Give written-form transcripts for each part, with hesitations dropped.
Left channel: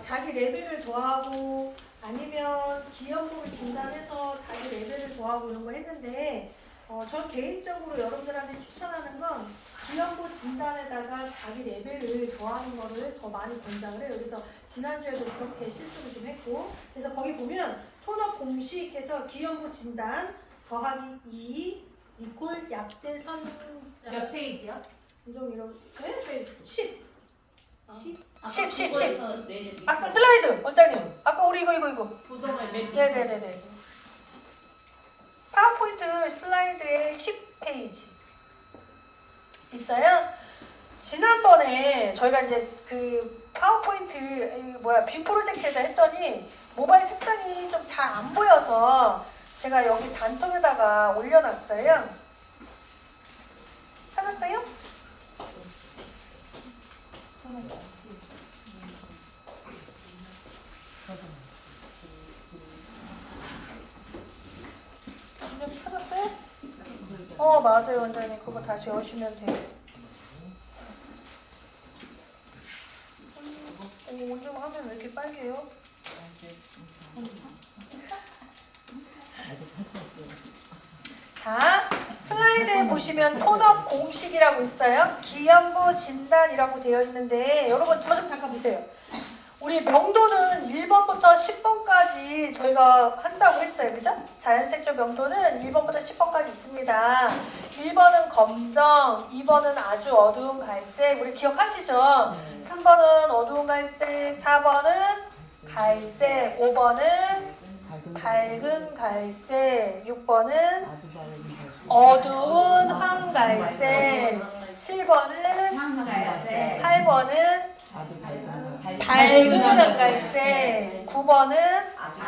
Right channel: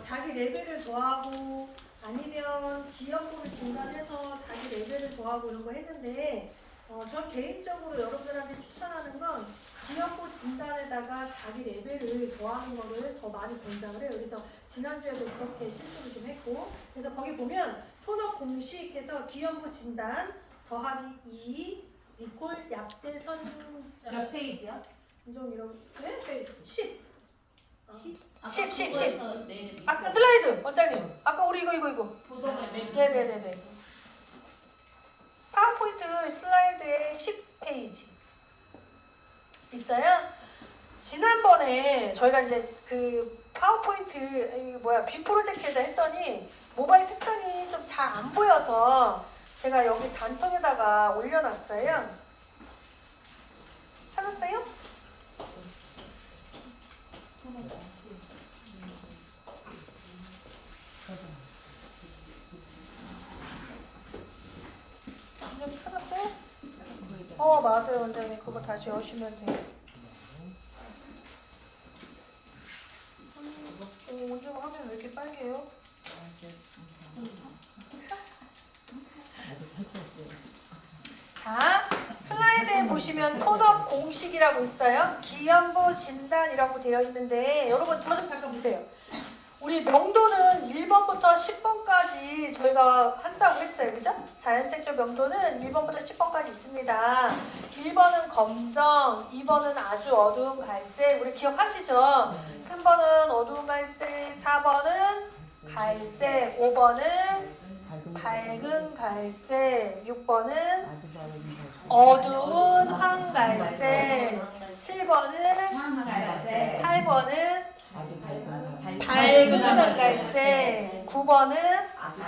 자기 레벨을 더하고 아니면 기여목을 진단해서 자기 레벨을 더하고 이런 거 했는데 전 개인적으로 여러분들한테 추천하는 건 기여목 진단에다가 자기 레벨을 더하는 거를 더 많이 권장을 해요. 그래서 지난주에도 그렇게 실수를 좀 했고, 그래서 거기 보면 톤업 공식에서 기여목 진단 더하기 2 이퀄 약재선 몇 페이지요? 인종 이런 네? 10 10. 아까 슬라이드 원장님 아까 우리 이거 부동의 맨 밑에. 네네네네 파워포인트 슬라이드에 10페이지 있어요. 지난번에 저희가 이제 그 파워포인트 빔 프로젝트에서 했더니 모바일 색상이 좀 잘 안 보여서 제가 여기 단톡에다가 올려놨어요. 찾았어요? 원장님 찾았어요? 맞아요 원장님 그거 다시 여시면 돼요. 원장 화면 왜 이렇게 빨개요? 자, 슬라이드에 보시면 톤업 공식이라고 있어요. 기연부 진단이라고 되어 있는데 여러분 저 좀 잠깐 보세요. 우리 명도는 1번부터 10번까지 저희가 한다고 했어요. 그죠? 자연색조 명도는 1번부터 10번까지 있습니다. 1번은 검정, 2번은 아주 어두운 갈색. 우리 기억하시죠? 3번은 어두운 갈색, 4번은 갈색, 5번은 밝은 갈색, 6번은 어두운 황갈색, 7번은 황갈색, 8번은 밝은 황갈색, 9번은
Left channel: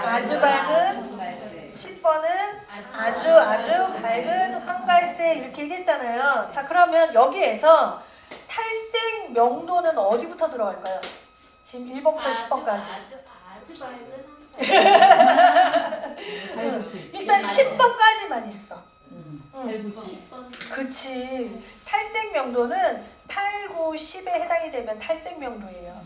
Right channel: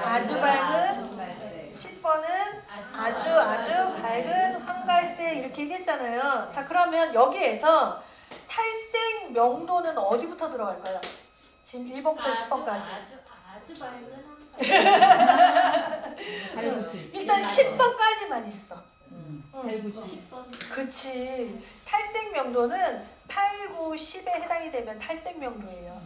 아주 밝은, 10번은 아주 밝은 황갈색 이렇게 얘기했잖아요. 자, 그러면 여기에서 탈색 명도는 어디부터 들어갈까요? 지금 1번부터 10번까지. 아주 밝은 일단 10번까지만 있어. 10번. 그치. 탈색 명도는 8, 9, 10에 해당이 되면 탈색 명도예요.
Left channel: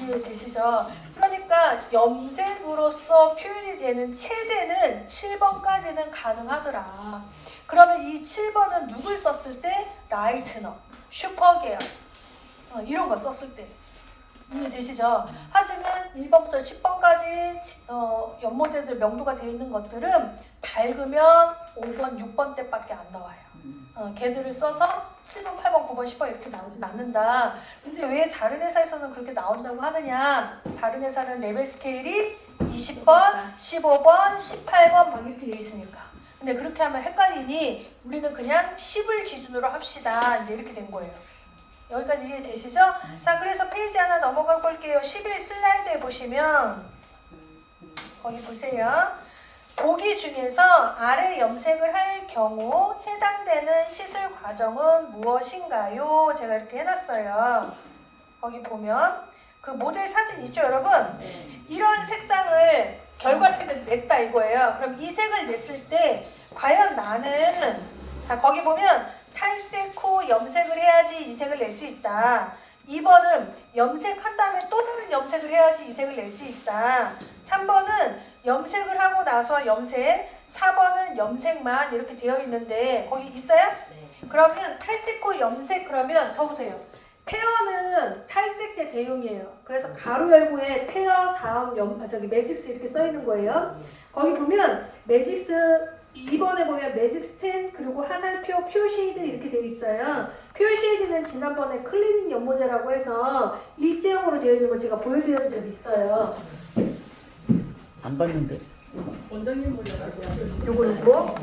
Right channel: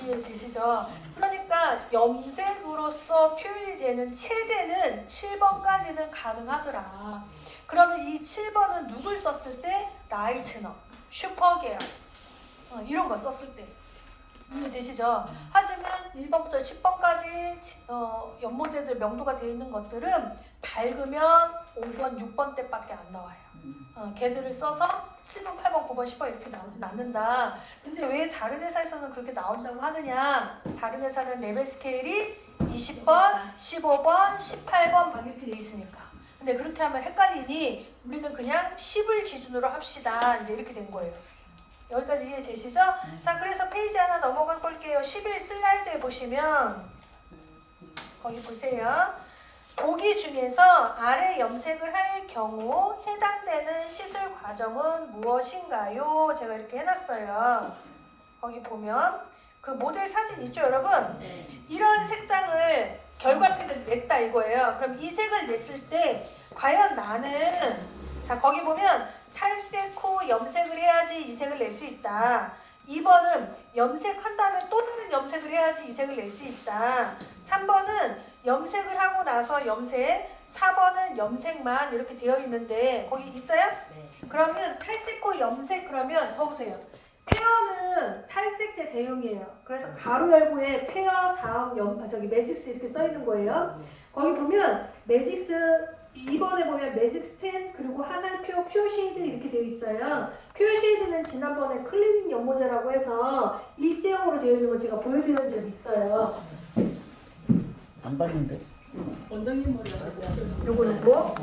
이해되시죠? 그러니까 염색으로서 표현이 되는 최대는 7번까지는 가능하더라. 그러면 이 7번은 누굴 썼을 때? 라이트너, 슈퍼게어 이런 거 썼을 때. 이해되시죠? 하지만 1번부터 10번까지 연모제들 명도가 되어 있는 것들은 밝으면 5번, 6번 때밖에 안 나와요. 걔들을 써서 7번, 8번, 9번, 10번 이렇게 나오진 않는다. 근데 왜 다른 회사에서는 그렇게 나온다고 하느냐? 다른 회사는 레벨 스케일이 20번, 15번, 18번 막 이렇게 되어 있으니까. 근데 그렇게 하면 헷갈리니 우리는 그냥 10을 기준으로 합시다. 이제 이렇게 된 거예요. 여기까지 이해되시죠? 자, 그래서 페이지 하나 넘어가 볼게요. 11 슬라이드에 보시면 거기 보세요. 보기 중에서 아래 염색을 할 경우 해당되는 시술 과정은 무엇인가요? 제가 이렇게 해놨어요. 거기 보면 그 모델 사진 있죠, 여러분? 네. 이런 색상을 결과색을 냈다 이거예요. 그럼 이 색을 냈을 때 과연 나는 자 거기 보면 탈색 후 염색을 해야지 이 색을 낼 수 있다. 2번은 염색한 다음에 또 다른 염색을 해야지 이 색을 낼 수 있다. 3번은 염색을 하고 나서 염색, 4번은 염색만 이렇게 되어 있는데 거기 있어요? 네. 그러면 탈색 후 염색 그러면 적으세요. 페어는 탈색제 대용이에요. 그래서 가로 열고에 페어 다음 매직스 이렇게 써 있는 거예요. 거기 보면 매직스 2번에 보면 매직 스텐 그리고 화살표 퓨어 쉐이드 이렇게 되어 있어요. 퓨어 쉐이드는 지난번에 클리닝 연모제라고 해서 일제형으로 되어 있는 거 제가 보여드린 적이 있어요. 안 봤는데. 원장님 몰라요. 요거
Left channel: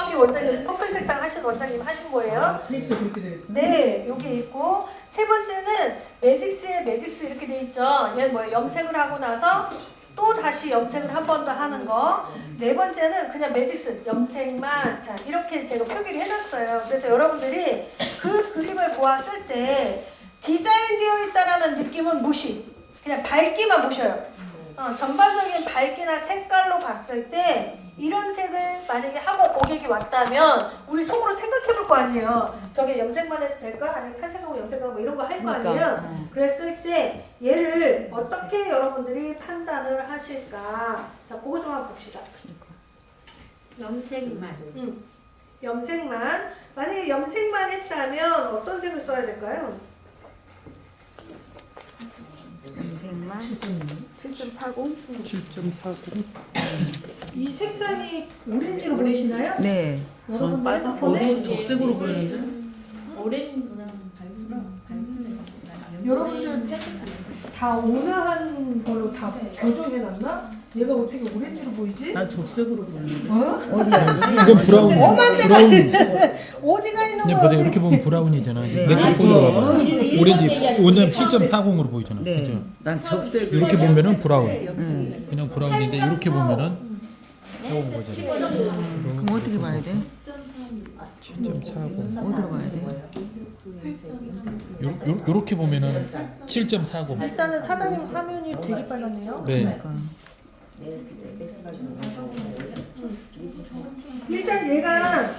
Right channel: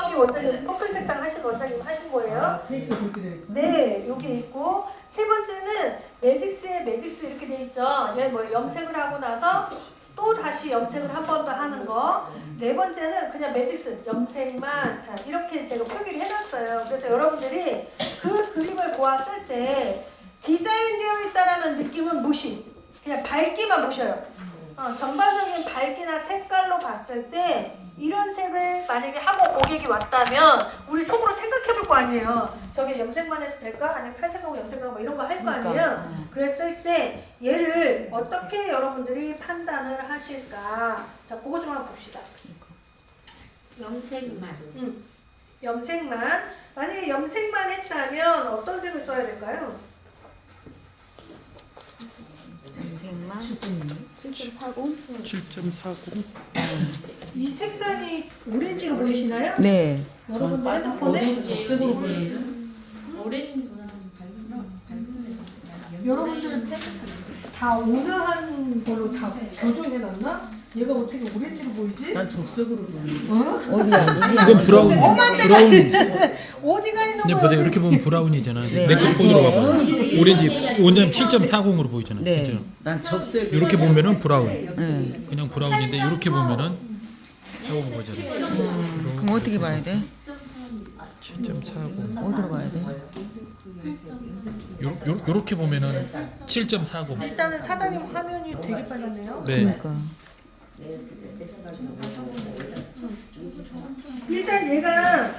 저기 원장님 퍼플 색상 하신 원장님 하신 거예요. 케이스 그렇게 돼 있어? 네, 여기 있고 세 번째는 매직스에 매직스 이렇게 돼 있죠. 얘 뭐 염색을 하고 나서 또 다시 염색을 한 번 더 하는 거. 네 번째는 그냥 매직스 염색만 자 이렇게 제가 표기를 해놨어요. 그래서 여러분들이 그 그림을 보았을 때 디자인되어 있다라는 느낌은 무시. 그냥 밝기만 보셔요. 전반적인 밝기나 색깔로 봤을 때 이런 색을 만약에 하고 고객이 왔다면 우리 속으로 생각해 볼 거 아니에요. 저게 염색만 해서 될까? 아니면 탈색하고 염색하고 뭐 이런 거 할 거 아니에요. 그랬을 때 얘를 어떻게 여러분들이 판단을 하실까? 자, 그거 좀 한번 봅시다. 염색만. 염색만. 만약에 염색만 했다면 어떤 색을 써야 될까요? 염색만 7.40. 7.40. 이 색상이 오렌지로 보이시나요? 네. 여러분들 핸드폰에 적색으로 보이는데. 여러분들 다 온화한 걸로 다 교정해놨나? 얘가 어떻게 오렌지로 보이지? 난 적색으로 보이는데. 어디야? 이건 브라운. 브라운. 어디가 있는 근데 거야? 보세요. 이렇게 보면 브라운이잖아. 네. 내 폰으로 봐봐. 오렌지 원자는 7.40으로 보이잖아. 네. 그죠? 난 적색. 이렇게 보면은 브라운. 네. 그냥 브라운인데 이렇게 보면은 해온 거잖아. 그럼 어떻게 봐야 돼? 7.40. 어디로 봐야 돼? 요렇게 보면은 7.40. 일단은 사장님 화면이 되게 빨랐네요. 네. 그러니까. 일단 얘가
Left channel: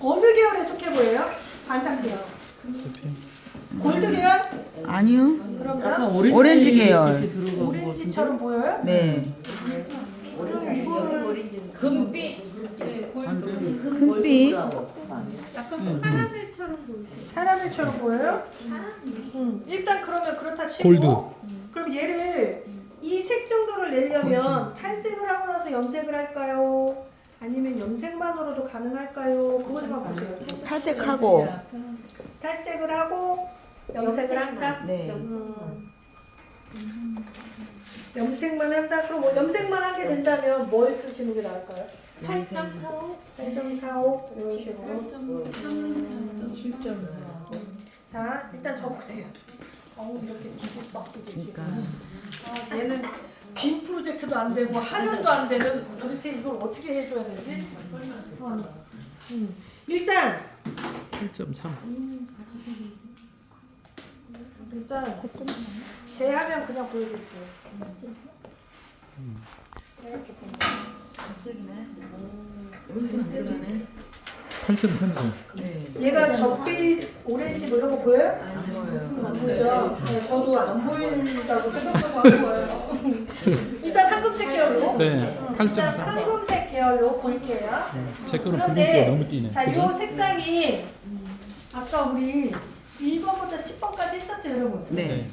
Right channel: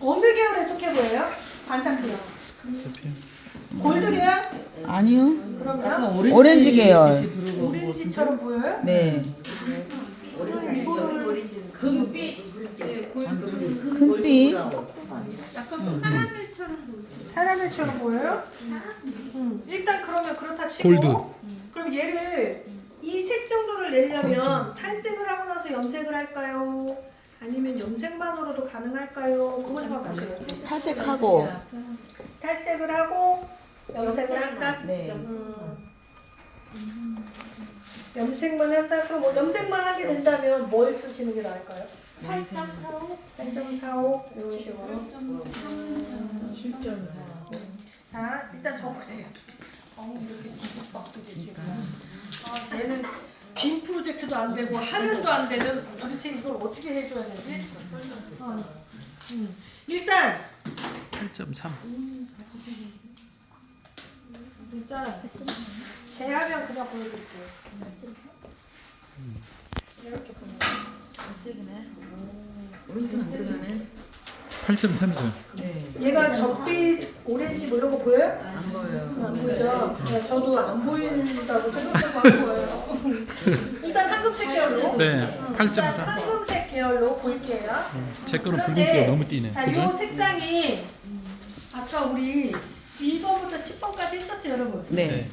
어느 계열에 속해 보여요? 관상 계열. 골드 계열? 아니요. 그러면 오렌지 계열. 오렌지처럼 보여요? 네. 금빛. 금빛. 사람일처럼 보여요? 일단 그러면 그렇다 치고 골드. 그럼 얘를 이 색 정도를 내려면 탈색을 하고 나서 염색을 할까요? 아니면 염색만으로도 가능할까요? 그거 좀 한번 보세요. 탈색하고. 탈색을 하고 염색을 한다? 네. 염색만 한다? 그럼 뭐 염색만 하게 된다면 뭘 쓰시는 게 나을까요? 8.45. 8.45 이런 식으로. 자, 일단 적으세요. 이렇게 뒤집박도 되지. 얘는 빔 프로젝트도 안 되고 하면도 안 되는 도대체 이걸 어떻게 해줘야 되지? 일단 8.3. 제 화면 그냥 보여드릴게요. 이렇게 보면 8.30. 얘가 적빛 오렌지 뭐 이런 거 보여요? 안 보여요. 안 보죠? 네, 저도 안 보인다고 생각하고 한 거예요. 일단 황금색 계열로. 네. 일단 8.3. 황금색 계열로 볼게요. 제 거는 그런데 붉은기가 너무 띄네. 자, 그죠? 요 색상이 아까 우리 1번부터 10번까지 했었죠, 여러분? 네.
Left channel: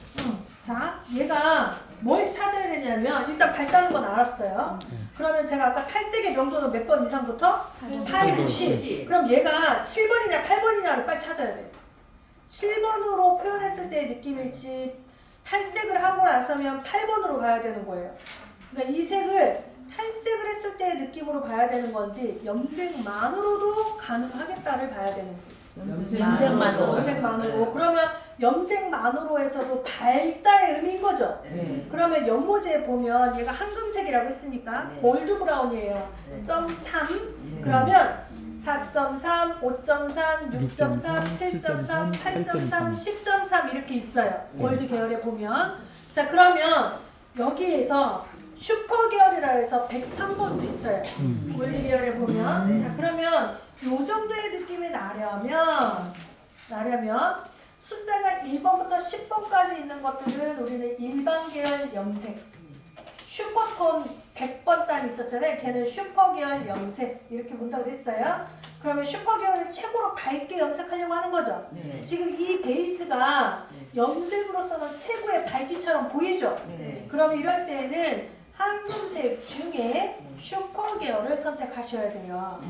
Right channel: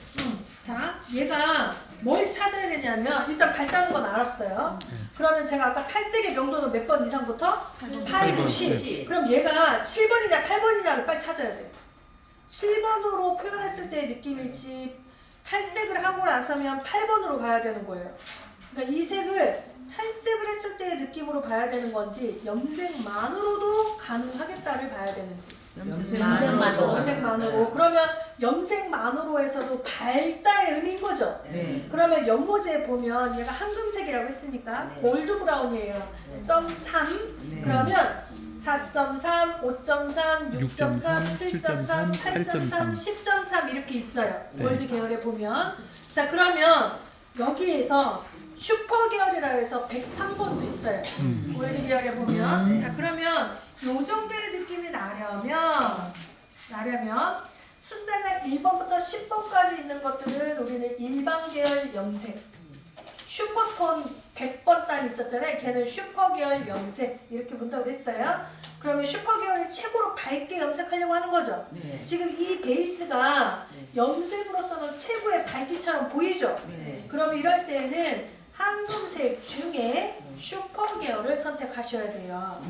자, 얘가 뭘 찾아야 되냐면 일단 밝다는 건 알았어요. 네. 그러면 제가 아까 탈색의 명도는 몇 번 이상부터? 8, 9, 10. 그럼 얘가 7번이냐 8번이냐를 빨리 찾아야 돼요. 7번으로 표현했을 때의 느낌일지 탈색을 하고 나서면 8번으로 가야 되는 거예요. 그러니까 이 색을 탈색을 했을 때의 느낌으로 가야 되는 건지 염색만으로도 가능하겠다를 봐야 되는지. 염색만으로. 그러면 염색만으로에서도 밝다의 의미인 거죠. 네. 그러면 연모지에 보면 얘가 황금색이라고 했으니까 골드 브라운이에요. 0.3 그러면 4.3, 5.3, 6.3, 7.3, 8.3, 10.3 이렇게 있어요. 골드 계열에 보면. 자, 그러면 여기에서 슈퍼 계열이라 해서 103번도 있어요. 골드 계열에 보면. 자, 그러면 요 정도의 느낌이 나려면 숫자가 1번부터 10번까지 있는 것들은 우리는 일반 계열 염색. 슈퍼톤 100번 단 있었잖아요. 걔는 슈퍼 계열 염색 이렇게 본다고 했어요. 그러면 슈퍼 계열을 최고로 밝게 염색하려고 하는 거죠. 네. 지금 이 베이스가 염색으로서는 최고의 밝기처럼 보이죠. 네. 그러면 이럴 때는 황금색 중에 슈퍼 계열을 선택하셔야 돼요.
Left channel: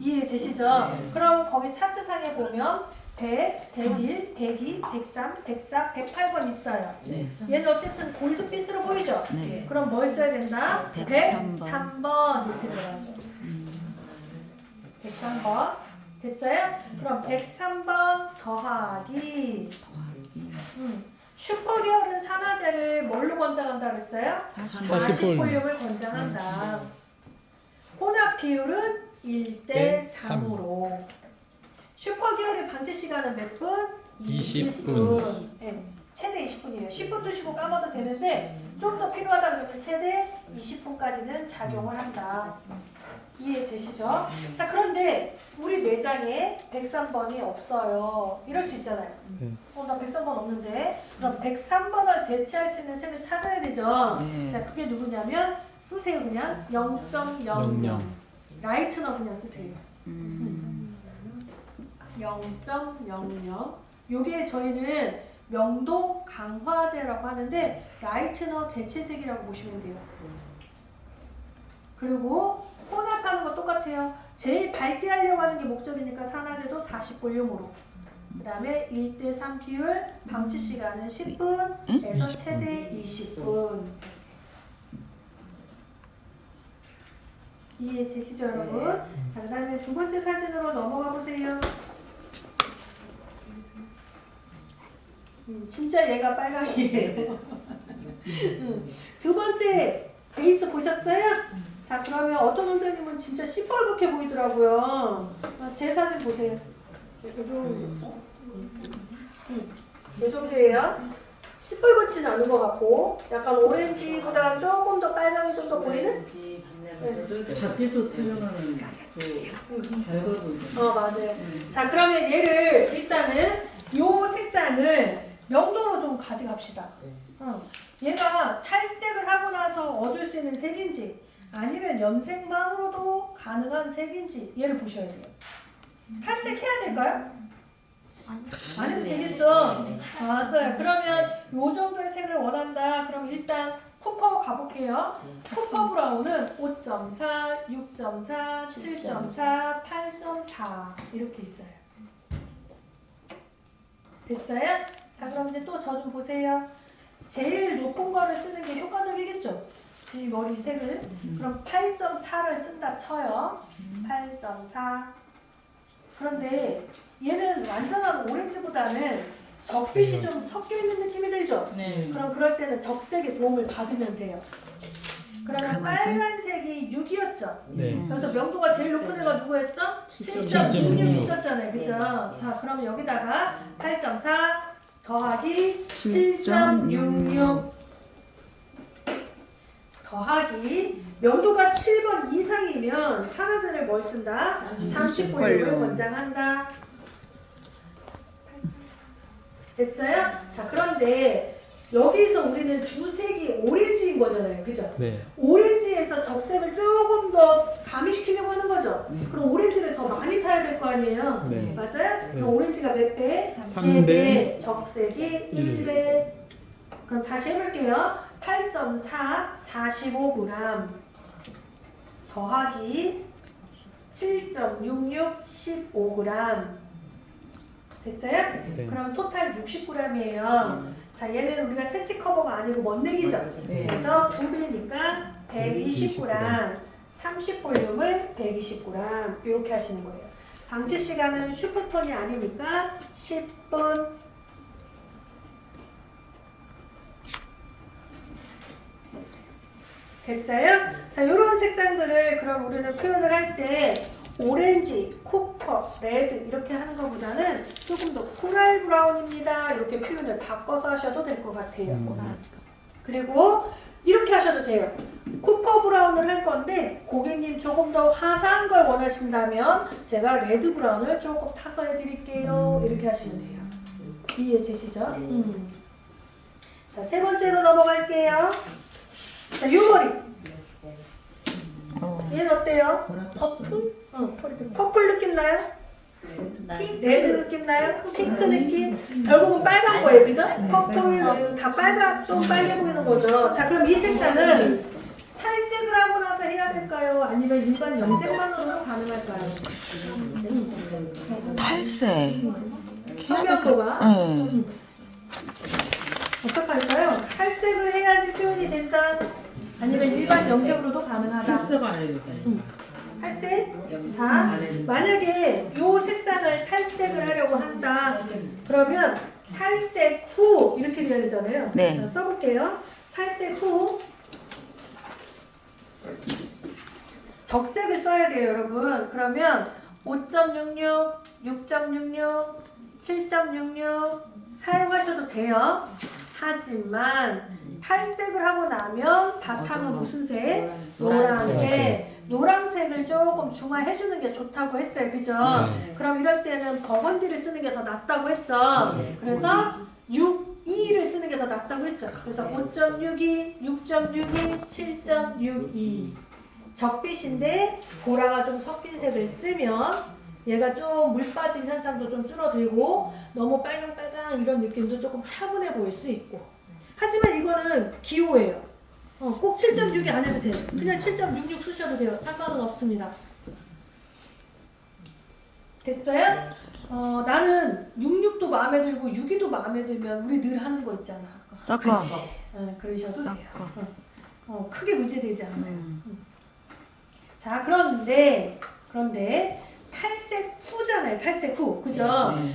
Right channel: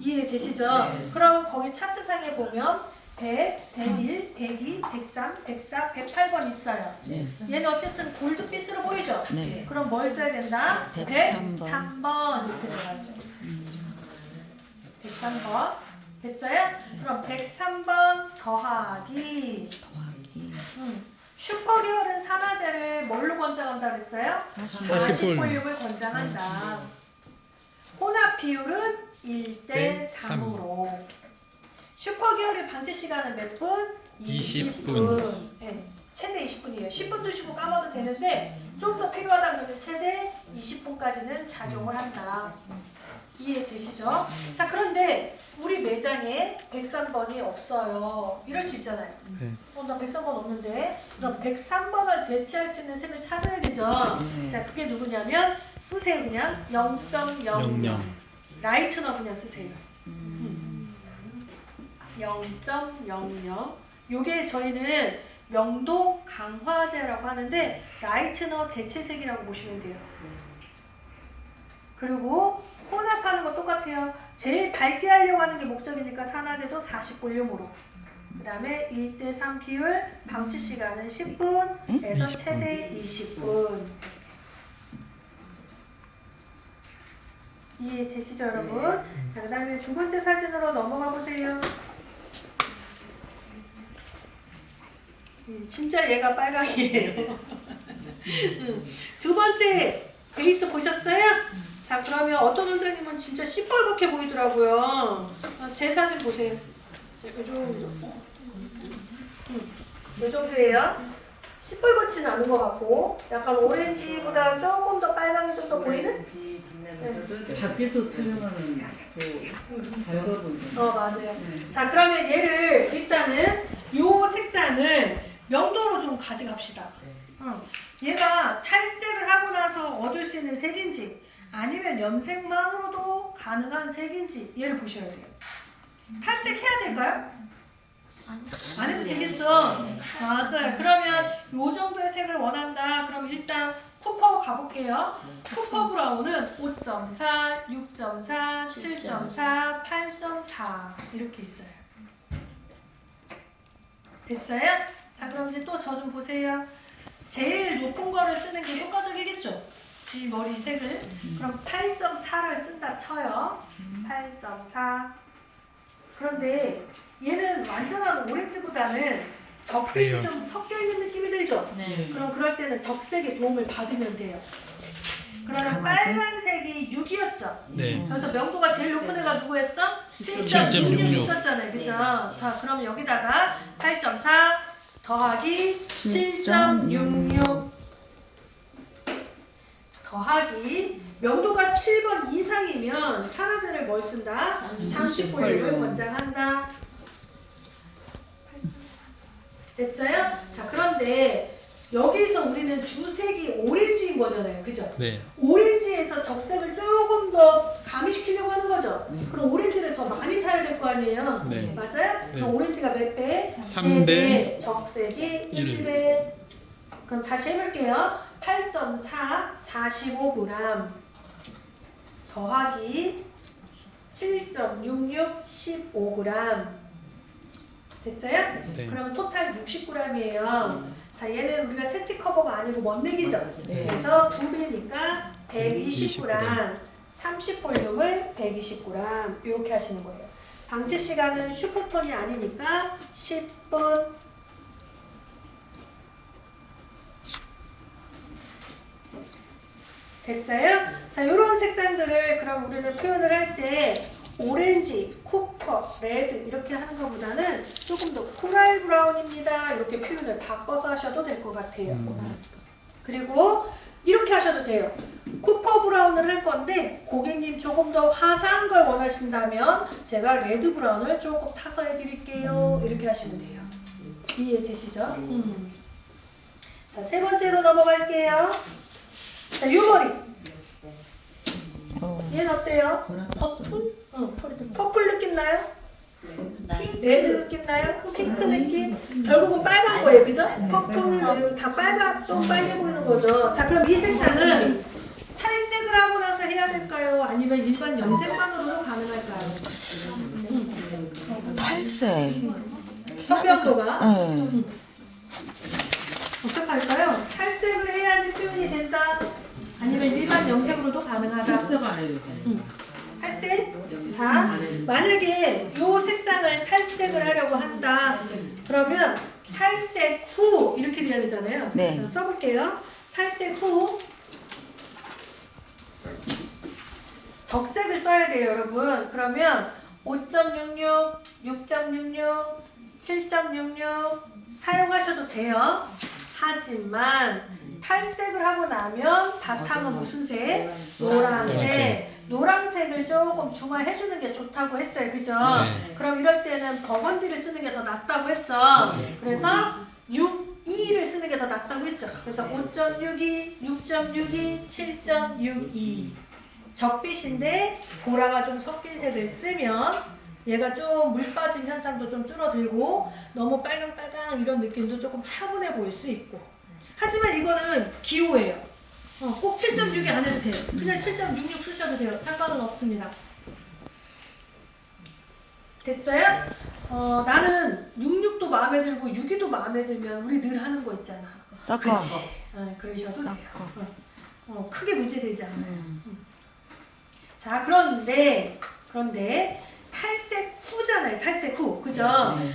이해되시죠? 네. 그럼 거기 차트상에 보면 100, 101, 102, 103, 104, 108번 있어요. 네. 얘는 어쨌든 골드빛으로 보이죠? 네. 그럼 뭘 써야 된다? 103번. 103번 이렇게 들어가죠. 103번 됐어요? 그럼 103번 더하기 슈퍼 계열은 산화제를 뭘로 권장한다 그랬어요? 40 볼륨을 권장한다. 혼합 비율은 1대 3으로. 슈퍼 계열의 방치 시간은 몇 분? 20분. 네, 최대 20분이에요. 10분 드시고 까먹어도 되는데 좀 더 필요하다 그러면 최대 20분까지는 작용을 한다. 이해되시죠? 자, 그런데 우리 매장에 103번이 없어요. 이럴 수 있잖아요. 네. 나 103번 없는데. 그럼 103번을 대체할 수 있는 색을 찾아야 되죠. 네. 자, 그게 누구냐면 쓰세요. 그냥 0.00. 00. 라이트너 그냥 쓰세요. 0.00. 요게 저희는 명도 강화제라고 하는데 라이트너 대체색이라고 보시면 돼요. 그리고 혼합하는 거 똑같아요. 제일 밝게 하려고 하는 게 목적이니까 산화제도 40볼륨으로. 그 다음에 1대3 비율, 방치 시간은 10분에서 20분. 최대 20분. 이해되시죠, 여러분? 자, 그 다음에 두 번째 사진으로 넘어가 보세요. 진짜 얘가 빨강이에요. 두 번째 베이스 보셨어요? 자, 그러면 어떤 원장님은 진짜 시뻘겋게 보이더라고요. 제 사진 보세요. 이 정도. 이 정도예요. 시뻘겋지는 않은 것 같고 약간 오렌지보다 조금 더 빨강이 좀 더 보이는? 밖에서 촬영하는 그 별거도 맞아요. 자, 그러면 얘를 일단은 요 색상을 명도로 좀 가져갑시다. 얘가 탈색을 하고 나서 얻을 수 있는 색인지 아니면 염색만으로도 가능한 색인지 얘를 보셔야 돼요. 탈색해야 될까요? 안 해도 되겠죠? 맞아요. 그러면 요 정도의 색을 원한다. 그럼 일단 쿠퍼 가볼게요. 쿠퍼 브라운은 5.4, 6.4, 7.4, 8.4 이렇게 있어요. 됐어요? 자, 그럼 이제 또 저 좀 보세요. 제일 높은 거를 쓰는 게 효과적이겠죠? 이 머리 색을. 그럼 8.4를 쓴다 쳐요. 8.4. 그런데 얘는 완전한 오렌지보다는 적빛이 그래요. 좀 섞여 있는 느낌이 들죠? 네. 그럼 그럴 때는 적색의 도움을 받으면 돼요. 그러면 강하지? 빨간색이 6이었죠? 네. 그래서 명도가 제일 높은 애가 누구였어? 7.66. 7.66 있었잖아요. 그죠? 자, 그럼 여기다가 8.4 더하기 7.66 더하기 명도가 7번 이상이면 산화제를 뭘 쓴다? 30볼륨을 권장한다. 됐어요? 자, 그런데 여기서 우리는 주색이 오렌지인 거잖아요. 그죠? 네. 오렌지에서 적색을 조금 더 가미시키려고 하는 거죠. 그럼 오렌지를 더 많이 타야 될 거 아니에요? 네. 맞아요? 네. 그럼 오렌지가 몇 배? 3대 적색이 1. 1배. 그럼 다시 해볼게요. 8.4 45g 더하기 7.66 15g 됐어요? 네. 그럼 토탈 60g이에요. 자, 얘는 우리가 세치 커버가 아니고 먼내기죠. 네. 그래서 2배니까 120g, 30볼륨을 120g 이렇게 하시는 거예요. 방치 시간은 슈퍼톤이 아니니까 10분. 됐어요? 자, 이런 색상들을 그럼 우리는 표현을 할 때 오렌지, 코퍼, 레드 이렇게 하는 것보다는 조금 더 코랄 브라운입니다. 이렇게 표현을 바꿔서 하셔도 될 것 같아요. 그리고 이렇게 하셔도 돼요. 코퍼 브라운을 할 건데 고객님 조금 더 화사한 걸 원하신다면 제가 레드 브라운을 조금 타서 해드릴게요. 이렇게 하시면 돼요. 이해되시죠? 자, 세 번째로 넘어갈게요. 자, 이 머리. 얘는 어때요? 퍼플? 응, 퍼플 느낌 나요? 레드 느낌 나요? 핑크 느낌? 결국은 빨간 거예요, 그죠? 퍼플, 다 빨간, 좀 빨개 보이는 거죠. 자, 그럼 이 색상은 탈색을 하고 나서 해야 될까요? 아니면 일반 염색만으로도 가능할까요? 탈색. 선명도가 네. 어떻게 할까요? 탈색을 해야지 표현이 된다? 아니면 일반 염색으로도 가능하다? 헬스가 알려줘요. 탈색? 자, 만약에 이 색상을 탈색을 하려고 한다. 그러면 탈색 후 이렇게 되어야 되잖아요. 네. 써볼게요. 탈색 후 적색을 써야 돼요, 여러분. 그러면 5.66, 6.66, 7.66 사용하셔도 돼요. 하지만 탈색을 하고 나면 바탕은 어떤 거? 무슨 색? 노란색. 노란색. 노란색을 조금 중화해주는 게 좋다고 했어요. 그죠? 네. 그럼 이럴 때는 버건디를 쓰는 게 더 낫다고 했죠. 그래서 6.2를 쓰는 게 더 낫다고 했죠. 그래서 5.62, 6.62, 7.62. 적빛인데 보라가 좀 섞인 색을 쓰면 얘가 좀 물 빠진 현상도 좀 줄어들고 너무 빨강빨강 이런 느낌도 조금 차분해 보일 수 있고. 하지만 이거는 기호예요. 꼭 7.6이 안 해도 돼요. 그냥 7.66 쓰셔도 돼요. 상관은 없습니다. 됐어요? 나는 66도 마음에 들고 6.2도 마음에 들면 우리 늘 하는 거 있잖아. 섞어. 그러셔도 돼요. 섞어. 크게 문제되지 않아요. 자, 그런데 탈색 후잖아요. 탈색 후. 그죠?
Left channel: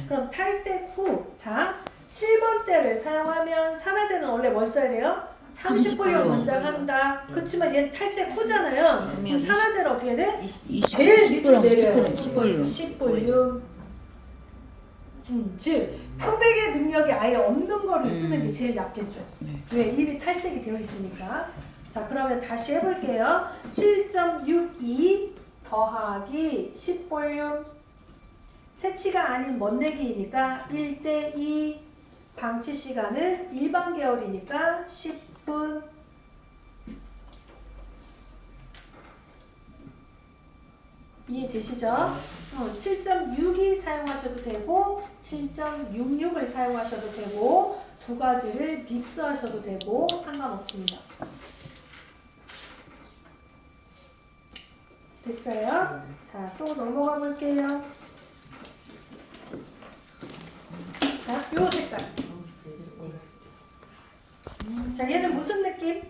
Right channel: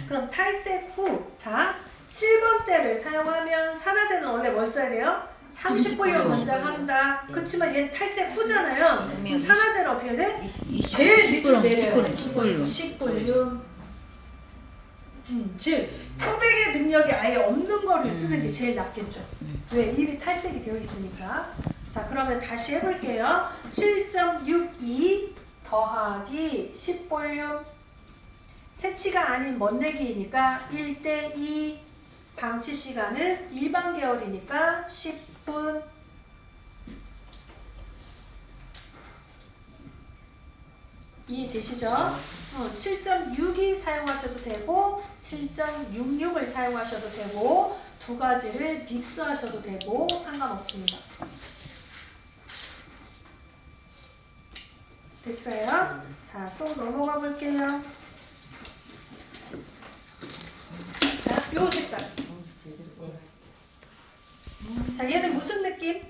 그럼 탈색 후. 자, 7번 대를 사용하면 산화제는 원래 뭘 써야 돼요? 30분이면 권장한다. 그렇지만 얘는 탈색 후잖아요. 그럼 산화제는 어떻게 해야 돼? 제일 밑으로 내려요. 10볼륨. 즉 표백의 능력이 아예 없는 거를 쓰는 게 제일 낫겠죠. 왜? 입이 탈색이 되어 있으니까. 자, 그러면 다시 해볼게요. 7.62 더하기 10볼륨. 세치가 아닌 먼내기이니까 1:2. 방치 시간은 일반 계열이니까 10분. 이해되시죠? 7.62 사용하셔도 되고 7.66을 사용하셔도 되고 두 가지를 믹스하셔도 되고 상관없습니다. 됐어요? 자, 또 넘어가 볼게요. 자, 요 색깔. 자, 얘는 무슨 느낌?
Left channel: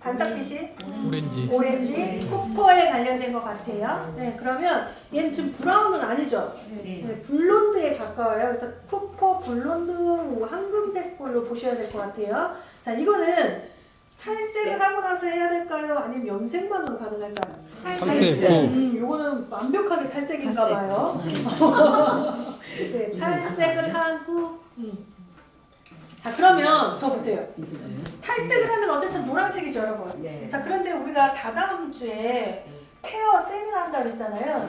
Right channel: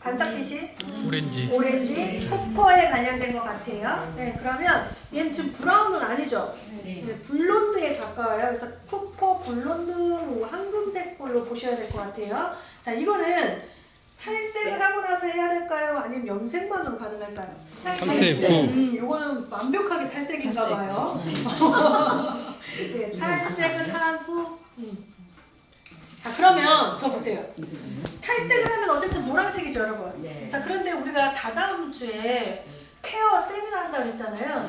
반짝빛이? 오렌지. 오렌지, 코퍼에 관련된 것 같아요. 네, 그러면 얘는 지금 브라운은 아니죠? 네, 블론드에 가까워요. 그래서 쿠퍼 블론드 황금색 볼로 보셔야 될 것 같아요. 자, 이거는 탈색을 하고 나서 해야 될까요? 아니면 염색만으로 가능할까요? 탈색 후. 요거는 완벽하게 탈색인가 봐요. 네, 탈색을 한 후. 자, 그러면 저 보세요. 탈색을 하면 어쨌든 노란색이죠, 여러분. 자, 그런데 우리가 다다음 주에 페어 세미나 한다고 그랬잖아요.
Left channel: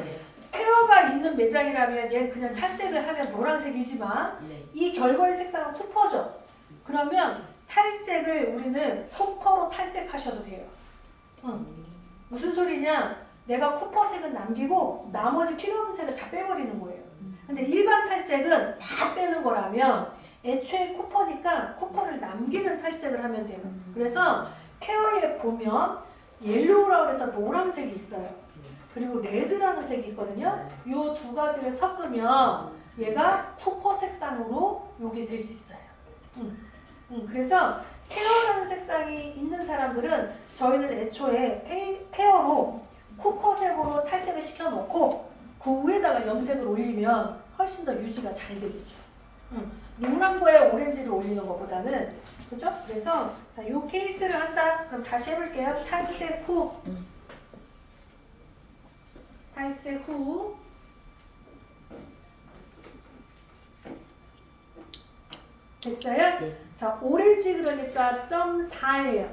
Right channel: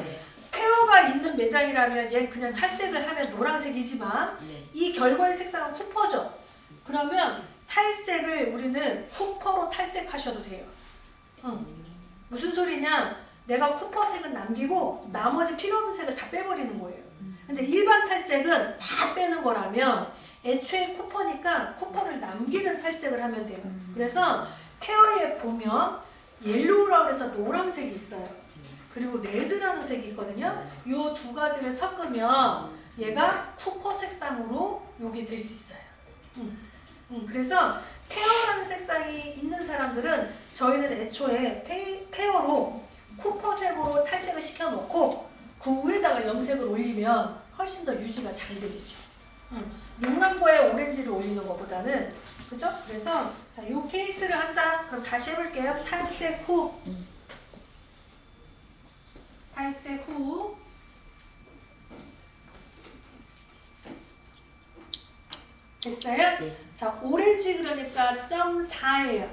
페어가 있는 매장이라면 얘는 그냥 탈색을 하면 노란색이지만 이 결과의 색상은 쿠퍼죠. 그러면 탈색을 우리는 쿠퍼로 탈색하셔도 돼요. 무슨 소리냐? 내가 쿠퍼색은 남기고 나머지 필요 없는 색을 다 빼버리는 거예요. 근데 일반 탈색은 다 빼는 거라면 애초에 쿠퍼니까 쿠퍼를 남기는 탈색을 하면 돼요. 그래서 페어에 보면 옐로우라고 해서 노란색이 있어요. 그리고 레드라는 색이 있거든요. 이 두 가지를 섞으면 얘가 쿠퍼 색상으로 요게 될 수 있어요. 그래서 페어라는 색상이 있는 사람들은 저희는 애초에 페어로 쿠퍼색으로 탈색을 시켜놓고 그 위에다가 염색을 올리면 훨씬 더 유지가 잘 되겠죠. 노란 거에 오렌지를 올리는 것보다는, 그죠? 그래서 자, 이 케이스를 한다. 그럼 다시 해볼게요. 탈색 후. 탈색 후. 됐어요? 네. 자, 오렌지 그러니까 0.4예요.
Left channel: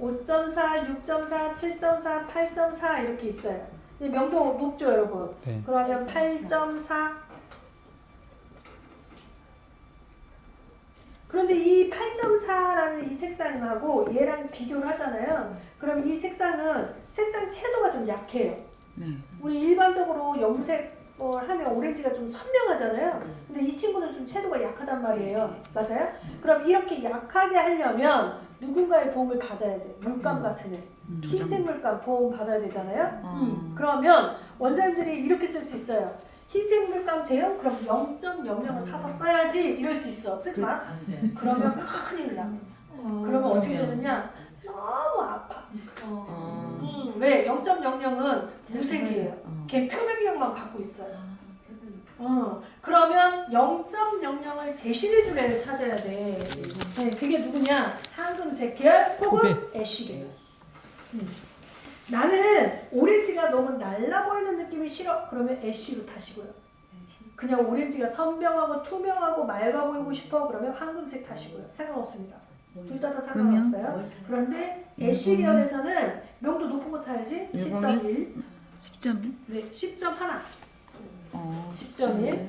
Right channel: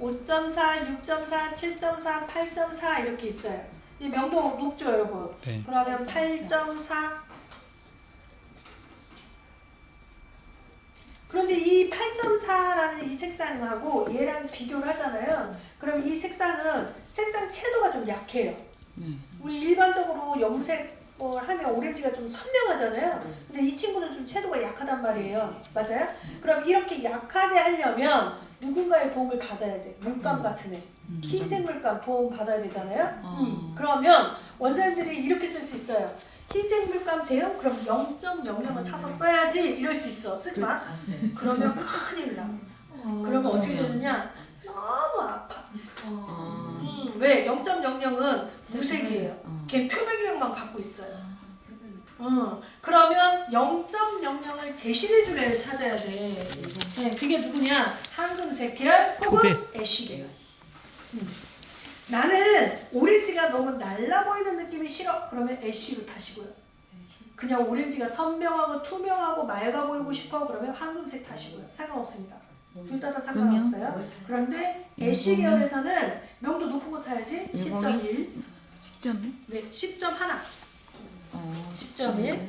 5.4, 6.4, 7.4, 8.4 이렇게 있어요. 이 명도 높죠, 여러분? 네. 그러면 8.4. 그런데 이 8.4라는 이 색상하고 얘랑 비교를 하잖아요. 그럼 이 색상은 색상 채도가 좀 약해요. 우리 일반적으로 염색 하면 오렌지가 좀 선명하잖아요. 근데 이 친구는 좀 채도가 약하단 말이에요. 맞아요? 그럼 이렇게 약하게 하려면 누군가의 도움을 받아야 돼. 물감 같은 애. 흰색 물감 도움 받아야 되잖아요. 그러면 원장님들이 이렇게 쓸 수 있어요. 흰색 물감 돼요? 그럼 0.00을 타서 써야지. 이럴 수 있어. 쓰지 마. 그러면 큰일 나. 그러면 어떻게 되느냐? 너무 아파. 왜? 0.00은 무색이에요. 걔 표백력만 갖고 있어요. 그러면 0.00을 대신해줄 애를 찾아야 돼. 네, 그게 누구냐? 황금색 계열 혹은 애쉬계열. 나는 오렌지가 너무 날라 보이는 느낌이 싫어. 그러면 애쉬로 타시고요. 그냥 오렌지가 선명하고 투명하고 맑아 보이고 싶어 그러면 황금색 타시고요. 상관없습니다. 둘 다 상관없어요. 그런데 애쉬 계열에서는 명도 높은 거 타야지. 10.1. 10점이? 네, 10.1. 10.1. 10.1.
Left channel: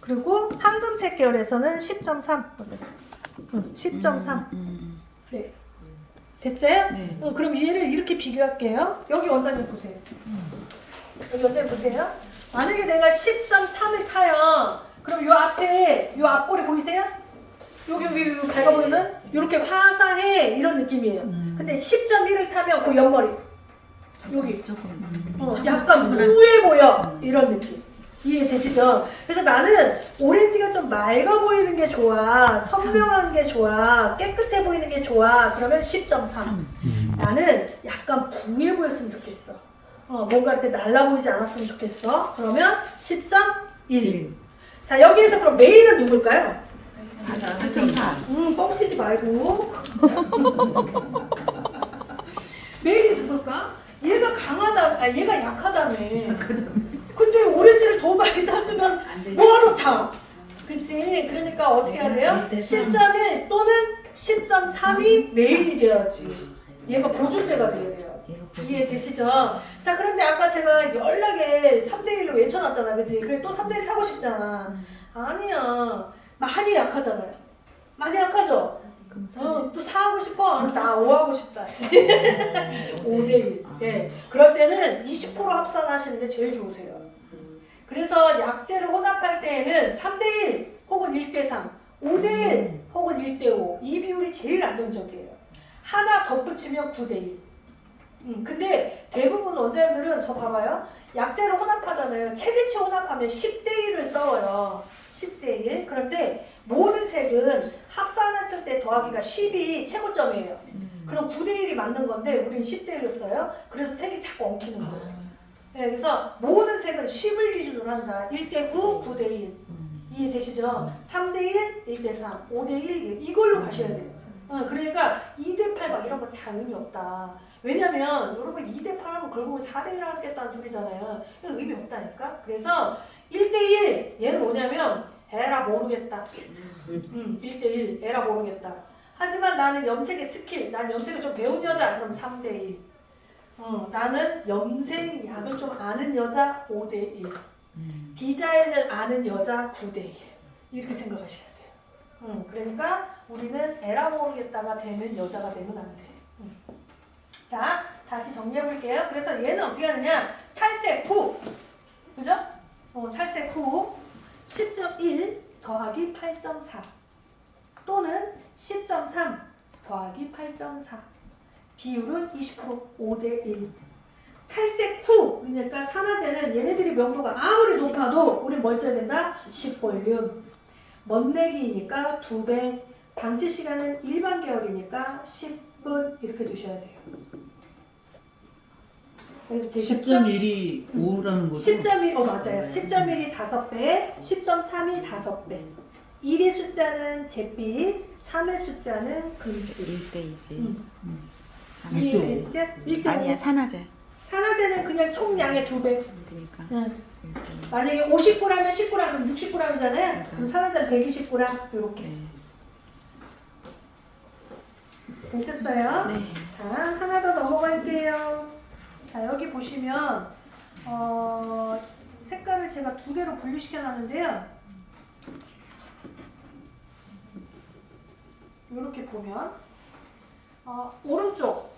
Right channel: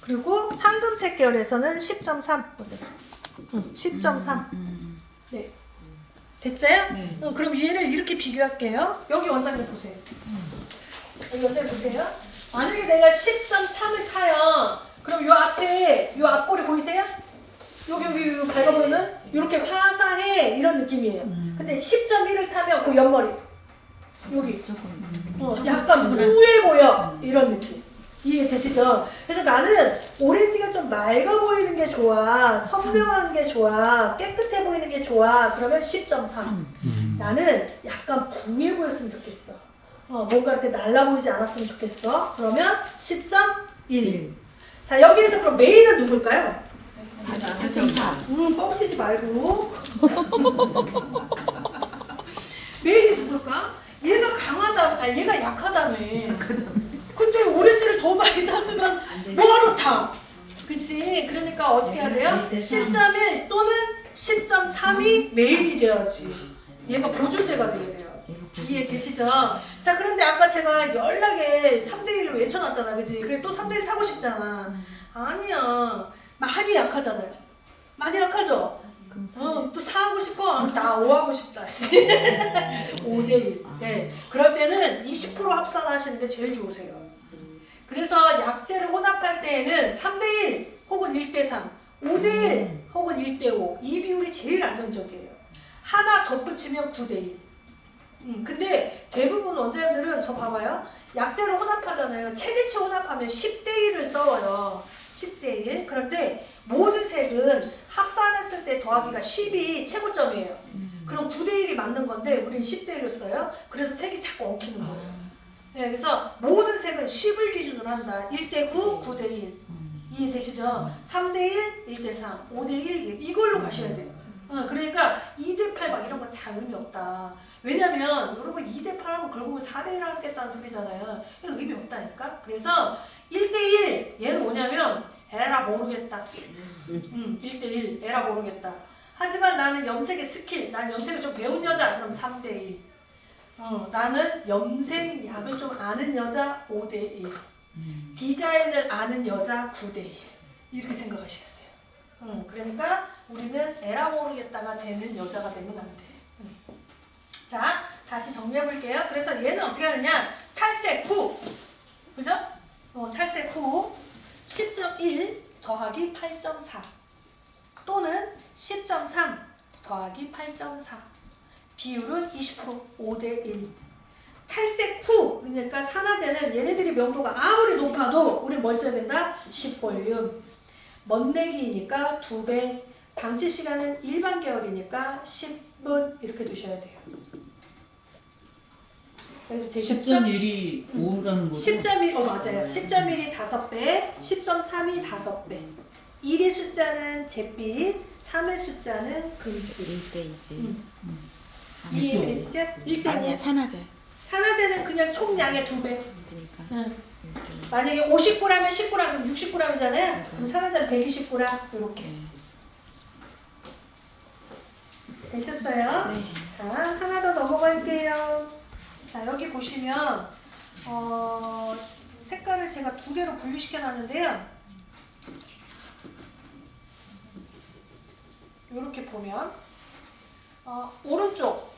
그리고 황금색 계열에서는 10.3. 10.3. 네. 됐어요? 네. 그럼 얘를 이렇게 비교할게요. 여기 원장님 보세요. 여기 원장님 보세요. 만약에 내가 10.3을 타요. 그럼 요 앞에 요 앞볼이 보이세요? 여기 밝아 보이는 이렇게 화사해 이런 느낌이에요. 근데 10.1을 타면 그 옆머리 여기 약간 우해 보여 이런 느낌. 이해되시죠? 그래서 나는 오렌지가 좀 맑아 보이는 게 좋아, 선명한 게 좋아, 깨끗해 보이는 게 좋아. 그러면 10.3. 나는 약간 부해 보였으면 좋겠어. 뭔가 이렇게 날라 보이지 않았으면 좋겠어. 그러면 10.1. 자, 여기에서 그럼 메인은 누굴까요? 8.4. 뻥치지 말고. 메인이 누굴까? 얘가 강하다, 얘가 약하다며. 근데 오렌지를 더 많이 타주면 뭐하러 타? 그치? 그러니까 어떻게 해야 돼요? 10.1 또는 10.3이 메인이 돼야지. 얘가 보조제가 돼야 돼요. 이해되시죠? 자, 그런데 아까 제가 연락에 3대1로 외쳐놨잖아. 그치? 그래 또 3대1 타고 싶잖아. 아니야. 많이 약하잖아요. 많이 약하죠? 또 4하고 싶어? 나 5하고 싶다. 5대1. 네. 그럴 때는 20% 합산하시는 게 제일 좋으세요. 그래서 약재를 혼합할 때에는 3대1 혹은 1대3, 5대1 혹은 1대5 이 비율이 제일 안정적이에요. 하나 덧붙이면 9대1. 근데 대부분 원장님들은 저 봐봐요. 약재를 혼합하잖아요. 체계치 혼합하면 10대1을 써요. 10대1. 그런데 모든 색은 합산했을 때 더하기가 10이 최고점이에요. 그럼 9대1이 맞는 건데 우리는 10대1을 써요. 그래서 색이 자꾸 엉키는 거예요. 네, 그래서 모든 색은 10을 기준으로 한다. 1대9, 9대1. 이해되시죠? 3대1, 1대3, 5대1 이걸로 가셔야 돼요. 그러니까 2대8 막 이런 거 잘 의미 없다. 왜냐면 여러분 2대8 하면 결국은 4대1 하겠다는 소리잖아요. 그래서 의미 없다니까. 그래서 1대1 얘는 뭐냐면 에라 모르겠다. 1대1 에라 모르겠다. 하지만 나는 염색의 스킬, 난 염색을 좀 배운 여자 그럼 3대1. 나는 염색약을 좀 아는 여자 5대1. 디자인을 아는 여자 9대1. 이렇게 생각하셔야 돼요. 그러니까 우리는 에라 모르겠다가 되는 여자가 되면 안 돼. 자, 다시 정리해 볼게요. 그래서 얘는 어떻게 하느냐? 탈색 후. 그죠? 탈색 후 10.1 더하기 8.4 또는 10.3 더하기 8.4 비율은 20% 5대1. 탈색 후 그러니까 산화제는 얘네들이 명도가 아무리 높아도 우리 뭘 써야 된다? 10볼륨. 멋내기니까 2배. 방치 시간은 일반 계열이니까 10분 이렇게 두셔야 돼요. 10.1이 5라는 거죠? 10.1, 맞아요. 10.1이 5배, 10.3이 5배. 1의 숫자는 잿빛, 3의 숫자는 금빛. 1대2지. 이해되시죠? 1대5. 아니야, 산화제. 산화제는 그냥 총량의 2배. 그러니까. 만약에 50g이면 10g이면 60g이잖아요. 그럼 산화제는 120g 이렇게. 되셨어요? 네. 자, 하나 더 넘어갈게요. 자, 여기 보시면 색깔을 제가 2개로 분류시켜 놨는데요. 이렇게 보면 오른쪽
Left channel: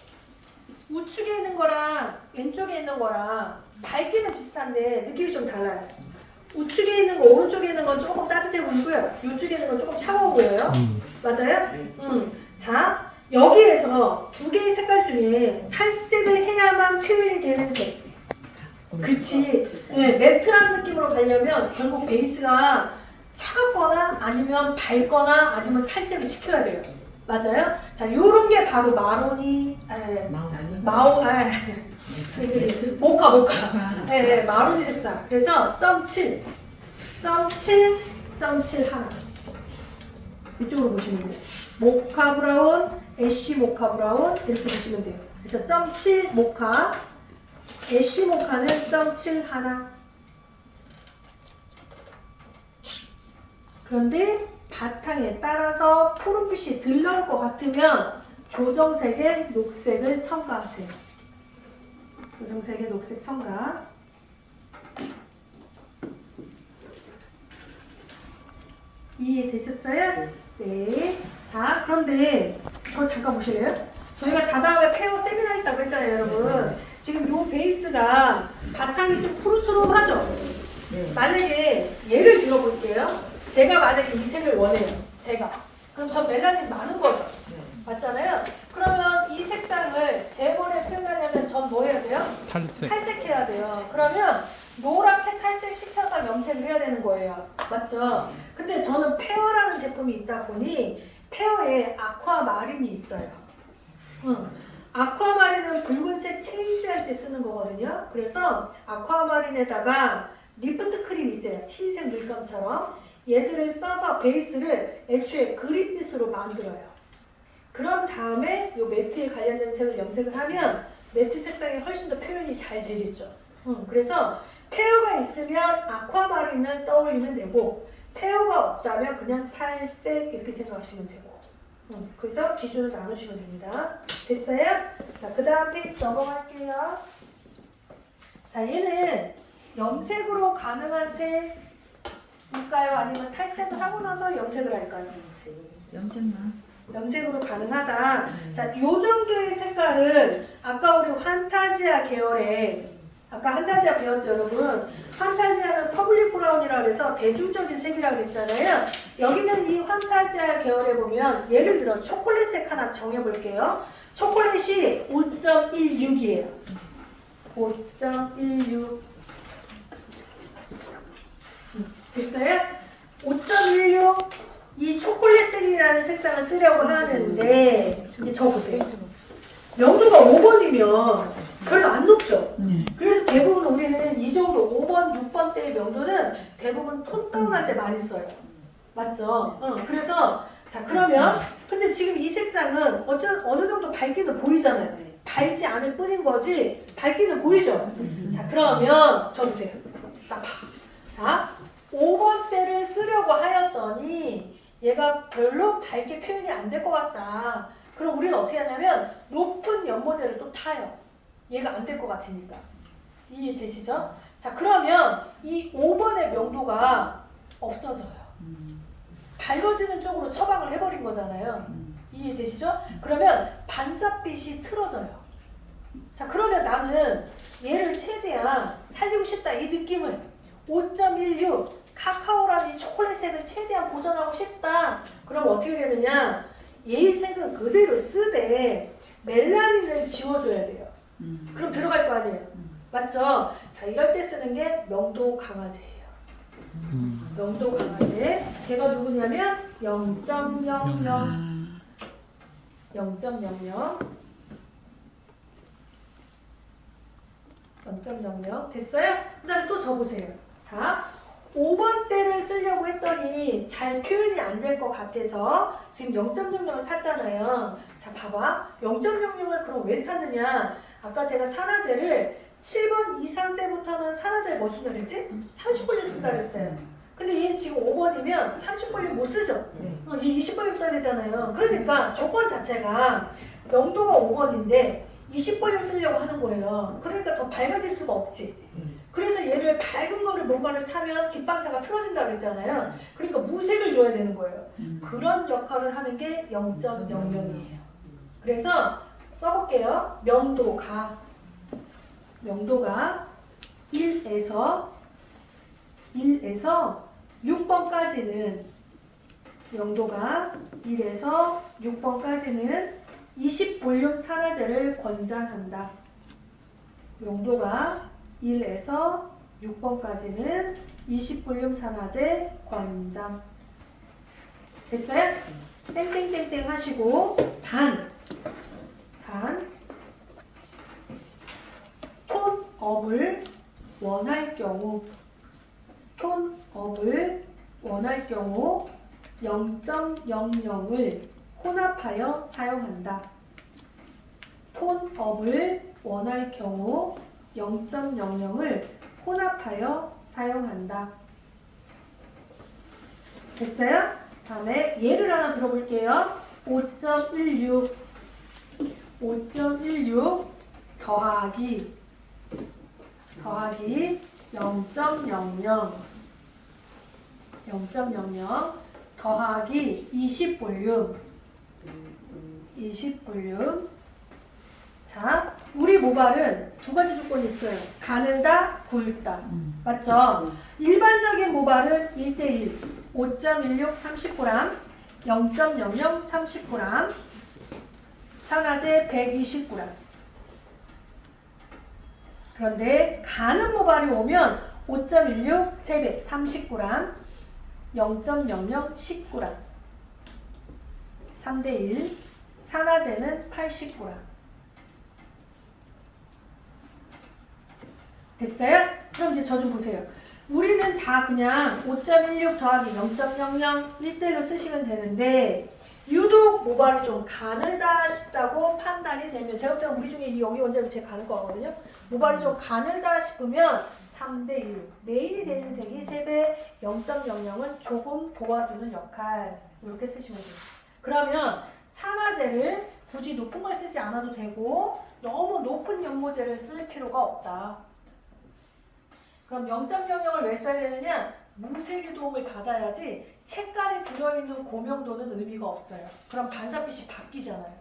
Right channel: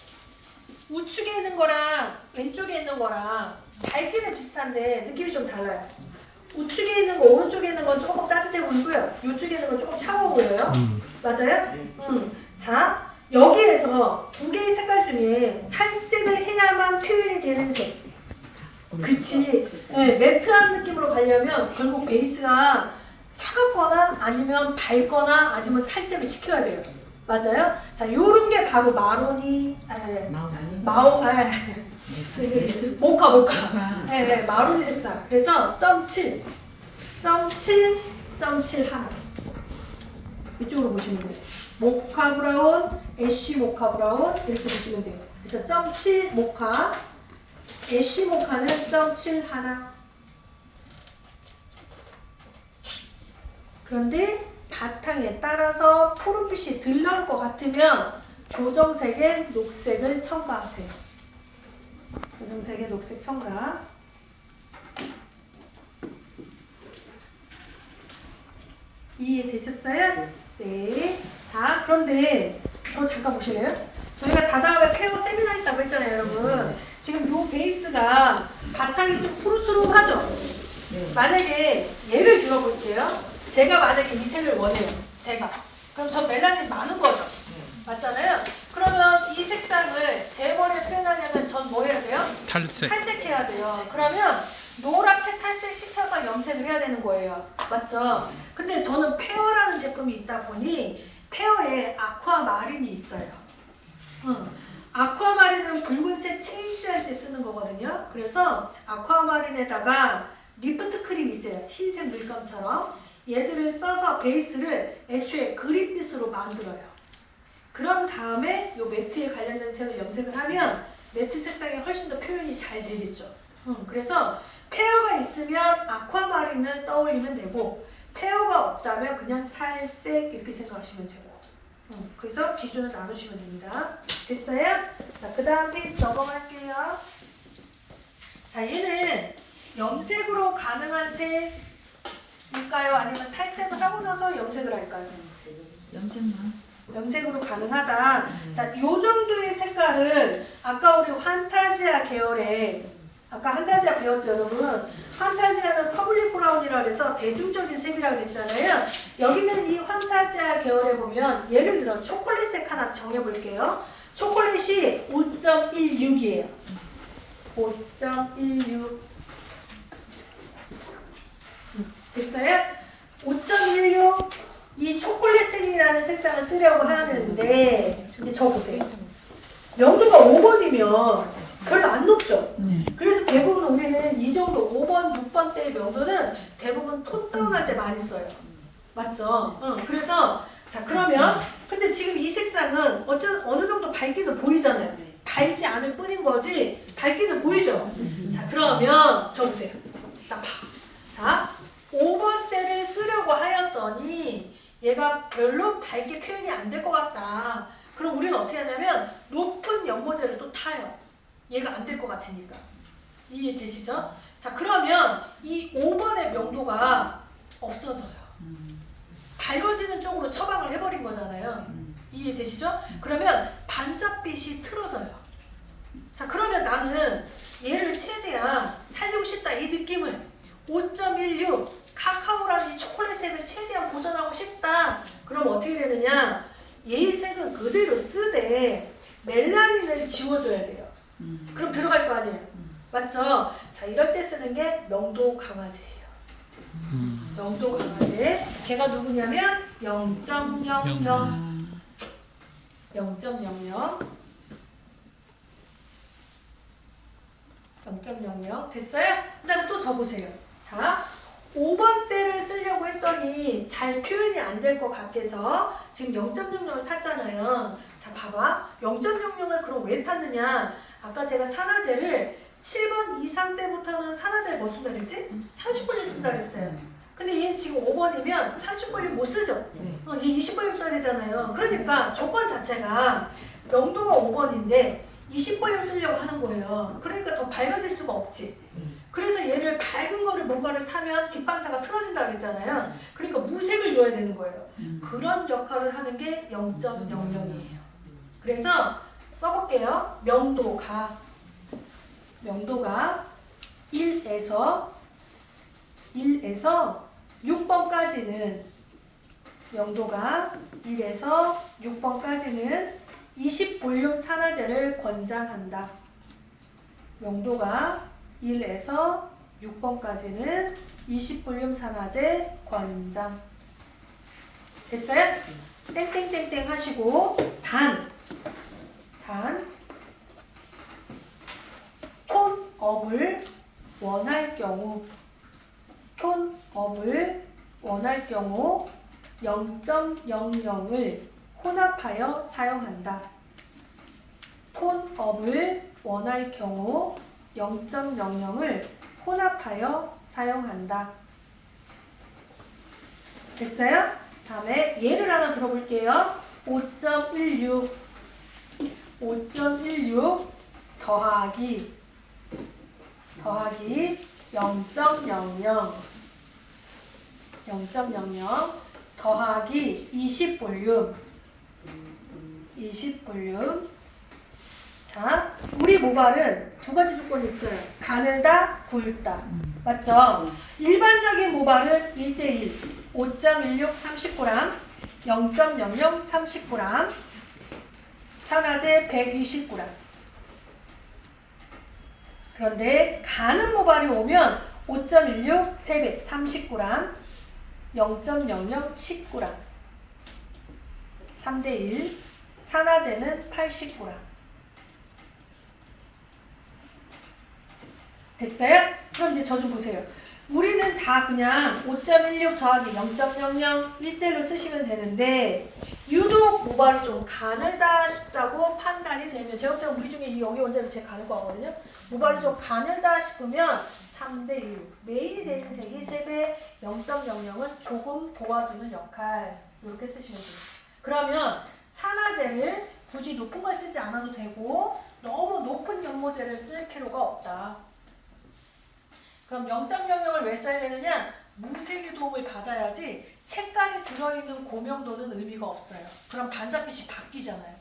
우측에 있는 거랑 왼쪽에 있는 거랑 밝기는 비슷한데 느낌이 좀 달라요. 우측에 있는 거, 오른쪽에 있는 건 조금 따뜻해 보이고요. 이쪽에 있는 건 조금 차가워 보여요. 맞아요? 자, 여기에서 2개의 색깔 중에 탈색을 해야만 표현이 되는 색. 그치. 네, 매트한 느낌으로 가려면 결국 베이스가 차갑거나 아니면 밝거나 아니면 탈색을 시켜야 돼요. 맞아요? 자, 요런 게 바로 마로니, 모카. 네, 마로니 색상. 그래서 0.7 하나. 이쪽으로 보시면 돼요. 모카 브라운, 애쉬 모카 브라운 이렇게 보시면 돼요. 그래서 0.7 모카, 애쉬 모카는 0.7 하나. 그런데 바탕에 따라서 푸른빛이 덜 나올 것 같으면 조정색의 녹색을 첨가하세요. 조정색의 녹색 첨가. 이해되셨어요? 네. 자, 그런데 저 잠깐 보실래요? 저희가 다다음에 페어 세미나 했다고 했잖아요, 여러분. 지금 요 베이스가 바탕이 좀 푸르스름하죠? 만약에 예를 들어볼게요. 제가 만약에 이 색을 원해요. 제가. 그럼 저 멜라닌 많은 거죠? 맞잖아요? 그러면 이 색상을 제 머리에 표현하려면 전 뭐 해야 돼요? 탈색. 탈색해야 돼요. 그러면 노랗게 탈색시켜서 염색을 해야 되는 거예요. 맞죠? 근데 저는 페어라는 제품이 있다 보니 페어에 아쿠아마린이 있어요. 아쿠아마린은 붉은색 체인지할 때 쓰는 거거든요. 그래서 아쿠아마린에다가 리프트 크림이 있어요. 흰색 물감처럼. 얘들을 써서 베이스를 애초에 그린빛으로 만들어요. 그런 다음에 요 매트에 관련된 색을 염색을 하면 매트 색상이 훨씬 더 표현이 잘 되겠죠. 그래서 페어가 있으면 아쿠아마린을 떠올리면 되고 페어가 없다면 그냥 탈색 이렇게 생각하시면 되고 그래서 기준을 나누시면 됩니다. 됐어요? 자, 그 다음 페이지 넘어갈게요. 자, 얘는 염색으로 가능한 색일까요? 아니면 탈색을 하고 나서 염색을 할까요? 염색만. 염색으로 가능하다. 자, 요 정도의 색깔은 아까 우리 환타지아 계열의 아까 환타지아 배웠죠, 여러분? 환타지아는 퍼블릭 브라운이라고 해서 대중적인 색이라고 했잖아요. 여기는 이 환타지아 계열에 보면 예를 들어 초콜릿색 하나 정해볼게요. 초콜릿이 5.16이에요. 5.16 됐어요? 5.16 이 초콜릿색이라는 색상을 쓰려고 하는데 이제 적으세요. 명도가 5번이면 별로 안 높죠? 그래서 대부분 우리는 이 정도 5번, 6번 대의 명도는 대부분 톤 다운할 때 많이 써요. 맞죠? 그래서 자 그러면 근데 지금 이 색상은 어느 정도 밝기는 보이잖아요. 밝지 않을 뿐인 거지 밝기는 보이죠? 자 그러면 적으세요. 딱 봐. 자 5번 대를 쓰려고 하였더니 얘가 별로 밝게 표현이 안 될 것 같다. 그럼 우리는 어떻게 하냐면 높은 연모제를 또 타요. 얘가 안 될 것 같으니까. 이해되시죠? 자 그러면 이 5번의 명도가 없어져요. 밝아지는 쪽으로 처방을 해버린 거잖아요. 이해되시죠? 그러면 반사빛이 틀어져요. 자 그러면 나는 얘를 최대한 살리고 싶다 이 느낌을 5.16 카카오라는 이 초콜릿색을 최대한 보존하고 싶다. 그럼 어떻게 되느냐? 얘의 색은 그대로 쓰되 멜라닌을 지워줘야 돼요. 그럼 들어갈 거 아니에요. 맞죠? 자 이럴 때 쓰는 게 명도 강화제예요. 명도 강화제. 걔가 누구냐면 0.00 0.00 됐어요? 그 다음 또 적으세요. 자 5번 대를 쓰려고 했더니 잘 표현이 안 될 것 같아서 지금 0.00을 탔잖아요. 자 봐봐 0.00을 그럼 왜 탔느냐? 아까 제가 산화제를 7번 이상 때부터는 산화제를 뭐 쓴다 그랬지? 30번을 쓴다 그랬어요. 근데 얘 지금 5번이면 30번을 못 쓰죠? 얘 20번을 써야 되잖아요. 그러니까 조건 자체가 명도가 5번인데 20번을 쓰려고 하는 거예요. 그러니까 더 밝아질 수가 없지. 그래서 얘를 밝은 거를 뭔가를 타면 뒷방사가 틀어진다 그랬잖아요. 그러니까 무색을 줘야 되는 거예요. 그런 역할을 하는 게 0.00이에요. 그래서 써볼게요. 명도가 1에서 6번까지는 명도가 1에서 6번까지는 20볼륨 산화제를 권장한다. 명도가 1에서 6번까지는 20볼륨 산화제 권장. 됐어요? 땡땡땡땡 하시고 단 톤업을 원할 경우 0.00을 혼합하여 사용한다. 톤업을 원할 경우 0.00을 혼합하여 사용한다. 됐어요? 다음에 예를 하나 들어볼게요. 5.16 더하기 0.00 더하기 20볼륨. 자, 우리 모발은 두 가지 조건이 있어요. 가늘다, 굵다. 맞죠? 일반적인 모발은 1대1, 5.16 30g, 0.00 30g, 산화제 120g. 그런데 가는 모발이 오면 5.16 3배 30g, 0.00 10g, 3대1, 산화제는 80g. 됐어요? 그럼 이제 저 좀 보세요. 우리는 다 그냥 5.16 더하기 0.00 1대1로 쓰시면 되는데 유독 모발이 좀 가늘다 싶다고 판단이 되면 제가 볼 때 우리 중에 여기 원장님 제일 가늘 거거든요. 모발이 좀 가늘다 싶으면 3대1 메인이 되는 색이 3배 0.00은 조금 도와주는 역할 이렇게 쓰시면 돼요. 그러면 산화제를 굳이 높은 걸 쓰지 않아도 되고 너무 높은 연모제를 쓸 필요가 없다. 그럼 0.00을 왜 써야 되느냐? 무색의 도움을 받아야지 색깔이 들어있는 고명도는 의미가 없어요. 그럼 반사빛이 바뀌잖아요.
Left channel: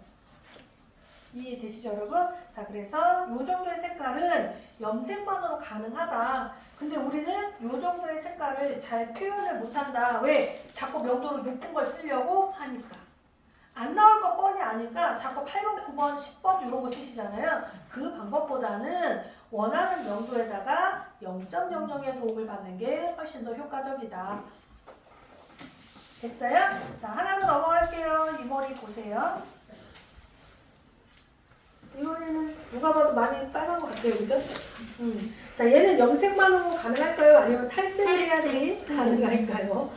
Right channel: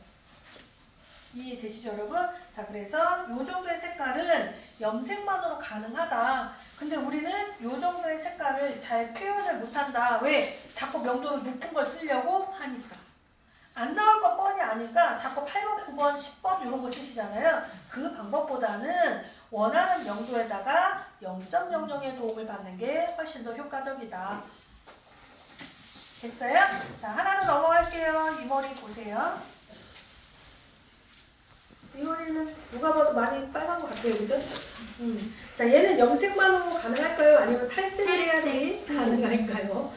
이해되시죠 여러분? 자, 그래서 이 정도의 색깔은 염색만으로 가능하다. 근데 우리는 이 정도의 색깔을 잘 표현을 못한다. 왜? 자꾸 명도를 높은 걸 쓰려고 하니까. 안 나올 거 뻔히 아니까 자꾸 8번, 9번, 10번 이런 거 쓰시잖아요. 그 방법보다는 원하는 명도에다가 0.00의 도움을 받는 게 훨씬 더 효과적이다. 됐어요? 자, 하나 더 넘어갈게요. 이 머리 보세요. 이 머리는 누가 봐도 많이 빨간 것 같아요. 그죠? 자, 얘는 염색만으로 가능할까요? 아니면 탈색을 해야지 가능할까요?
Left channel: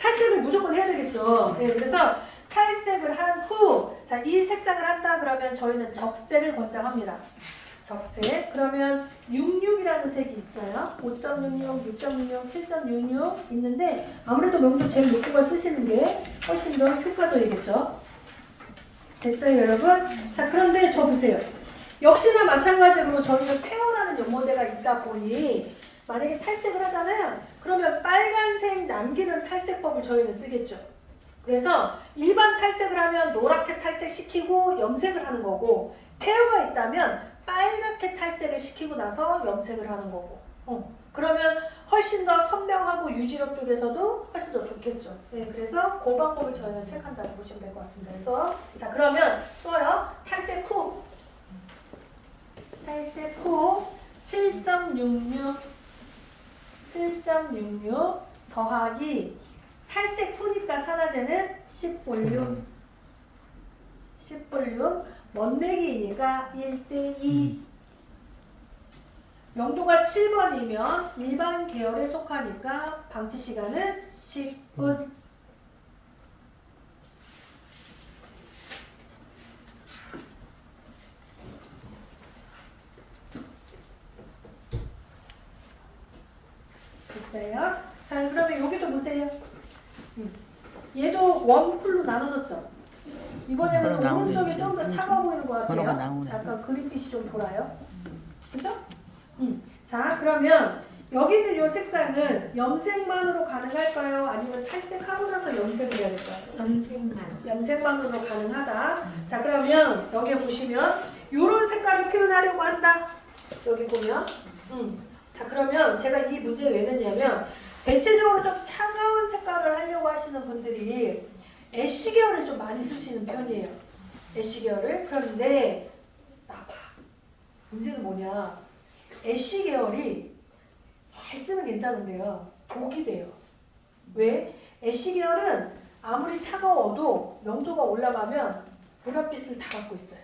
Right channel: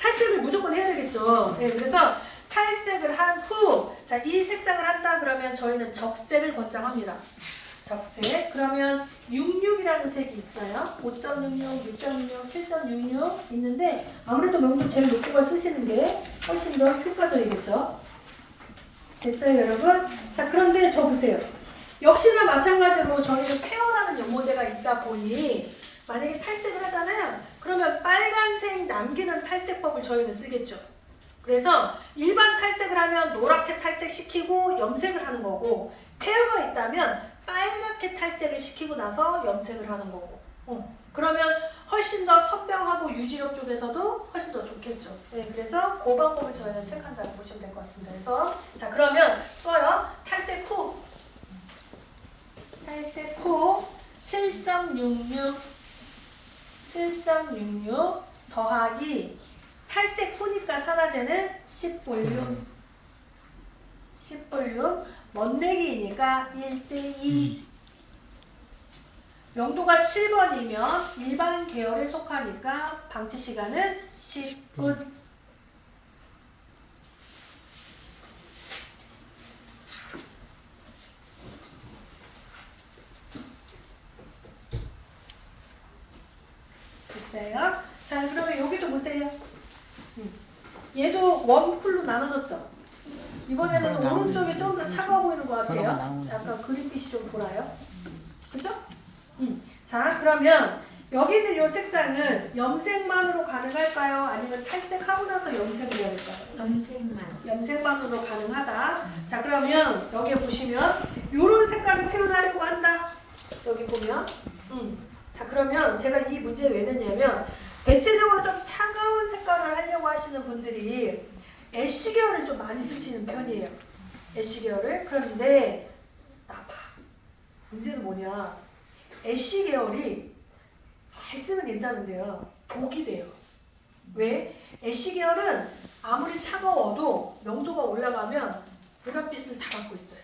탈색을 무조건 해야 되겠죠. 네, 그래서 탈색을 한 후, 자, 이 색상을 한다 그러면 저희는 적색을 권장합니다. 적색. 그러면 66이라는 색이 있어요. 5.66, 6.66, 7.66 있는데 아무래도 명도 제일 높은 걸 쓰시는 게 훨씬 더 효과적이겠죠. 됐어요, 여러분? 자, 그런데 저 보세요. 역시나 마찬가지로 저희는 페어라는 연모제가 있다 보니 만약에 탈색을 하잖아요. 그러면 빨간색 남기는 탈색법을 저희는 쓰겠죠. 그래서 일반 탈색을 하면 노랗게 탈색시키고 염색을 하는 거고 페어가 있다면 빨갛게 탈색을 시키고 나서 염색을 하는 거고 그러면 훨씬 더 선명하고 유지력 쪽에서도 훨씬 더 좋겠죠. 네, 그래서 그 방법을 저희는 택한다고 보시면 될 것 같습니다. 그래서 자, 그러면 써요. 탈색 후 7.66 더하기 탈색 후니까 산화제는 10볼륨 멋내기이니까 1대2 명도가 7번이면 일반 계열에 속하니까 방치 시간은 10분. 됐어요? 자, 그러면 여기도 보세요. 얘도 웜쿨로 나눠졌죠? 이번에는 오른쪽이 좀 더 차가워 보이는 것 같아요. 약간 그린빛이 좀 돌아요. 그죠? 자, 그러면 여기 있는 이 색상은 염색만으로 가능할까요? 아니면 탈색하고 나서 염색을 해야 될까요? 염색만으로 가능하다. 자, 그러면 여기 보시면 이런 색깔을 표현하려고 한다. 여기 보면. 자, 그러면 제가 이 문제를 왜 냈냐면 대체적으로 좀 차가운 색깔을 하려고 하시는 분들이 애쉬 계열을 좀 많이 쓰시는 편이에요. 애쉬 계열을. 그런데 나봐. 문제는 뭐냐. 애쉬 계열이 잘 쓰면 괜찮은데요. 독이 돼요. 왜? 애쉬 계열은 아무리 차가워도 명도가 올라가면 보랏빛을 다 갖고 있어요.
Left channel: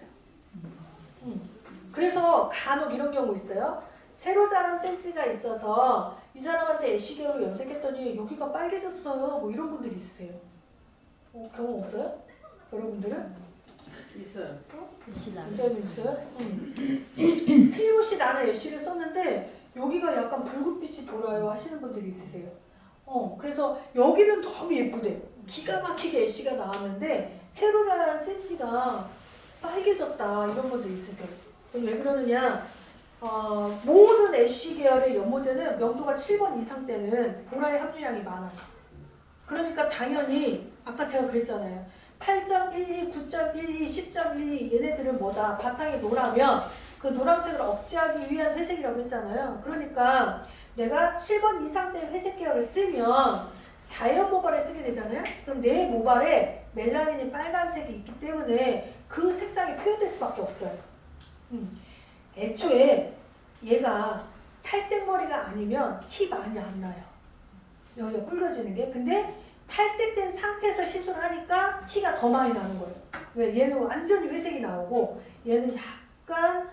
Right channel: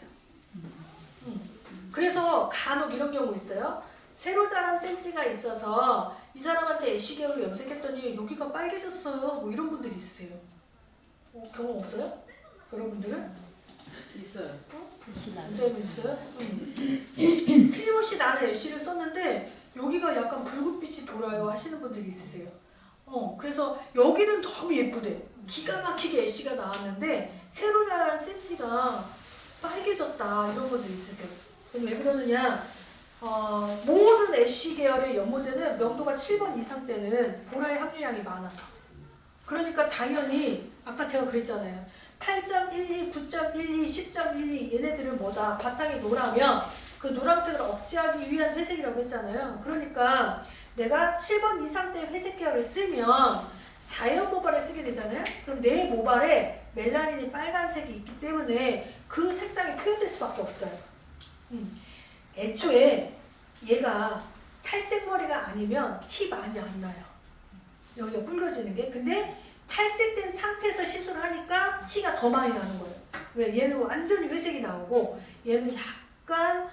그래서 간혹 이런 경우 있어요. 새로 자란 센치가 있어서 이 사람한테 애쉬 계열로 염색했더니 여기가 빨개졌어요. 뭐 이런 분들이 있으세요. 경험 없어요? 여러분들은? 있어요. 있어요? 틀림없이 나는 애쉬를 썼는데 여기가 약간 붉은빛이 돌아요 하시는 분들이 있으세요. 그래서 여기는 너무 예쁘대. 기가 막히게 애쉬가 나왔는데 새로 자란 센치가 빨개졌다 이런 분들 있으세요. 그럼 왜 그러느냐? 모든 애쉬 계열의 연모제는 명도가 7번 이상 때는 보라의 함유량이 많아. 그러니까 당연히 아까 제가 그랬잖아요. 8.12, 9.12, 10.12 얘네들은 뭐다? 바탕이 노라면 그 노란색을 억제하기 위한 회색이라고 했잖아요. 그러니까 내가 7번 이상 때 회색 계열을 쓰면 자연 모발을 쓰게 되잖아요. 그럼 내 모발에 멜라닌이 빨간색이 있기 때문에 그 색상이 표현될 수밖에 없어요. 애초에 얘가 탈색 머리가 아니면 티 많이 안 나요. 여기가 붉어지는 게. 근데 탈색된 상태에서 시술을 하니까 티가 더 많이 나는 거예요. 왜? 얘는 완전히 회색이 나오고 얘는 약간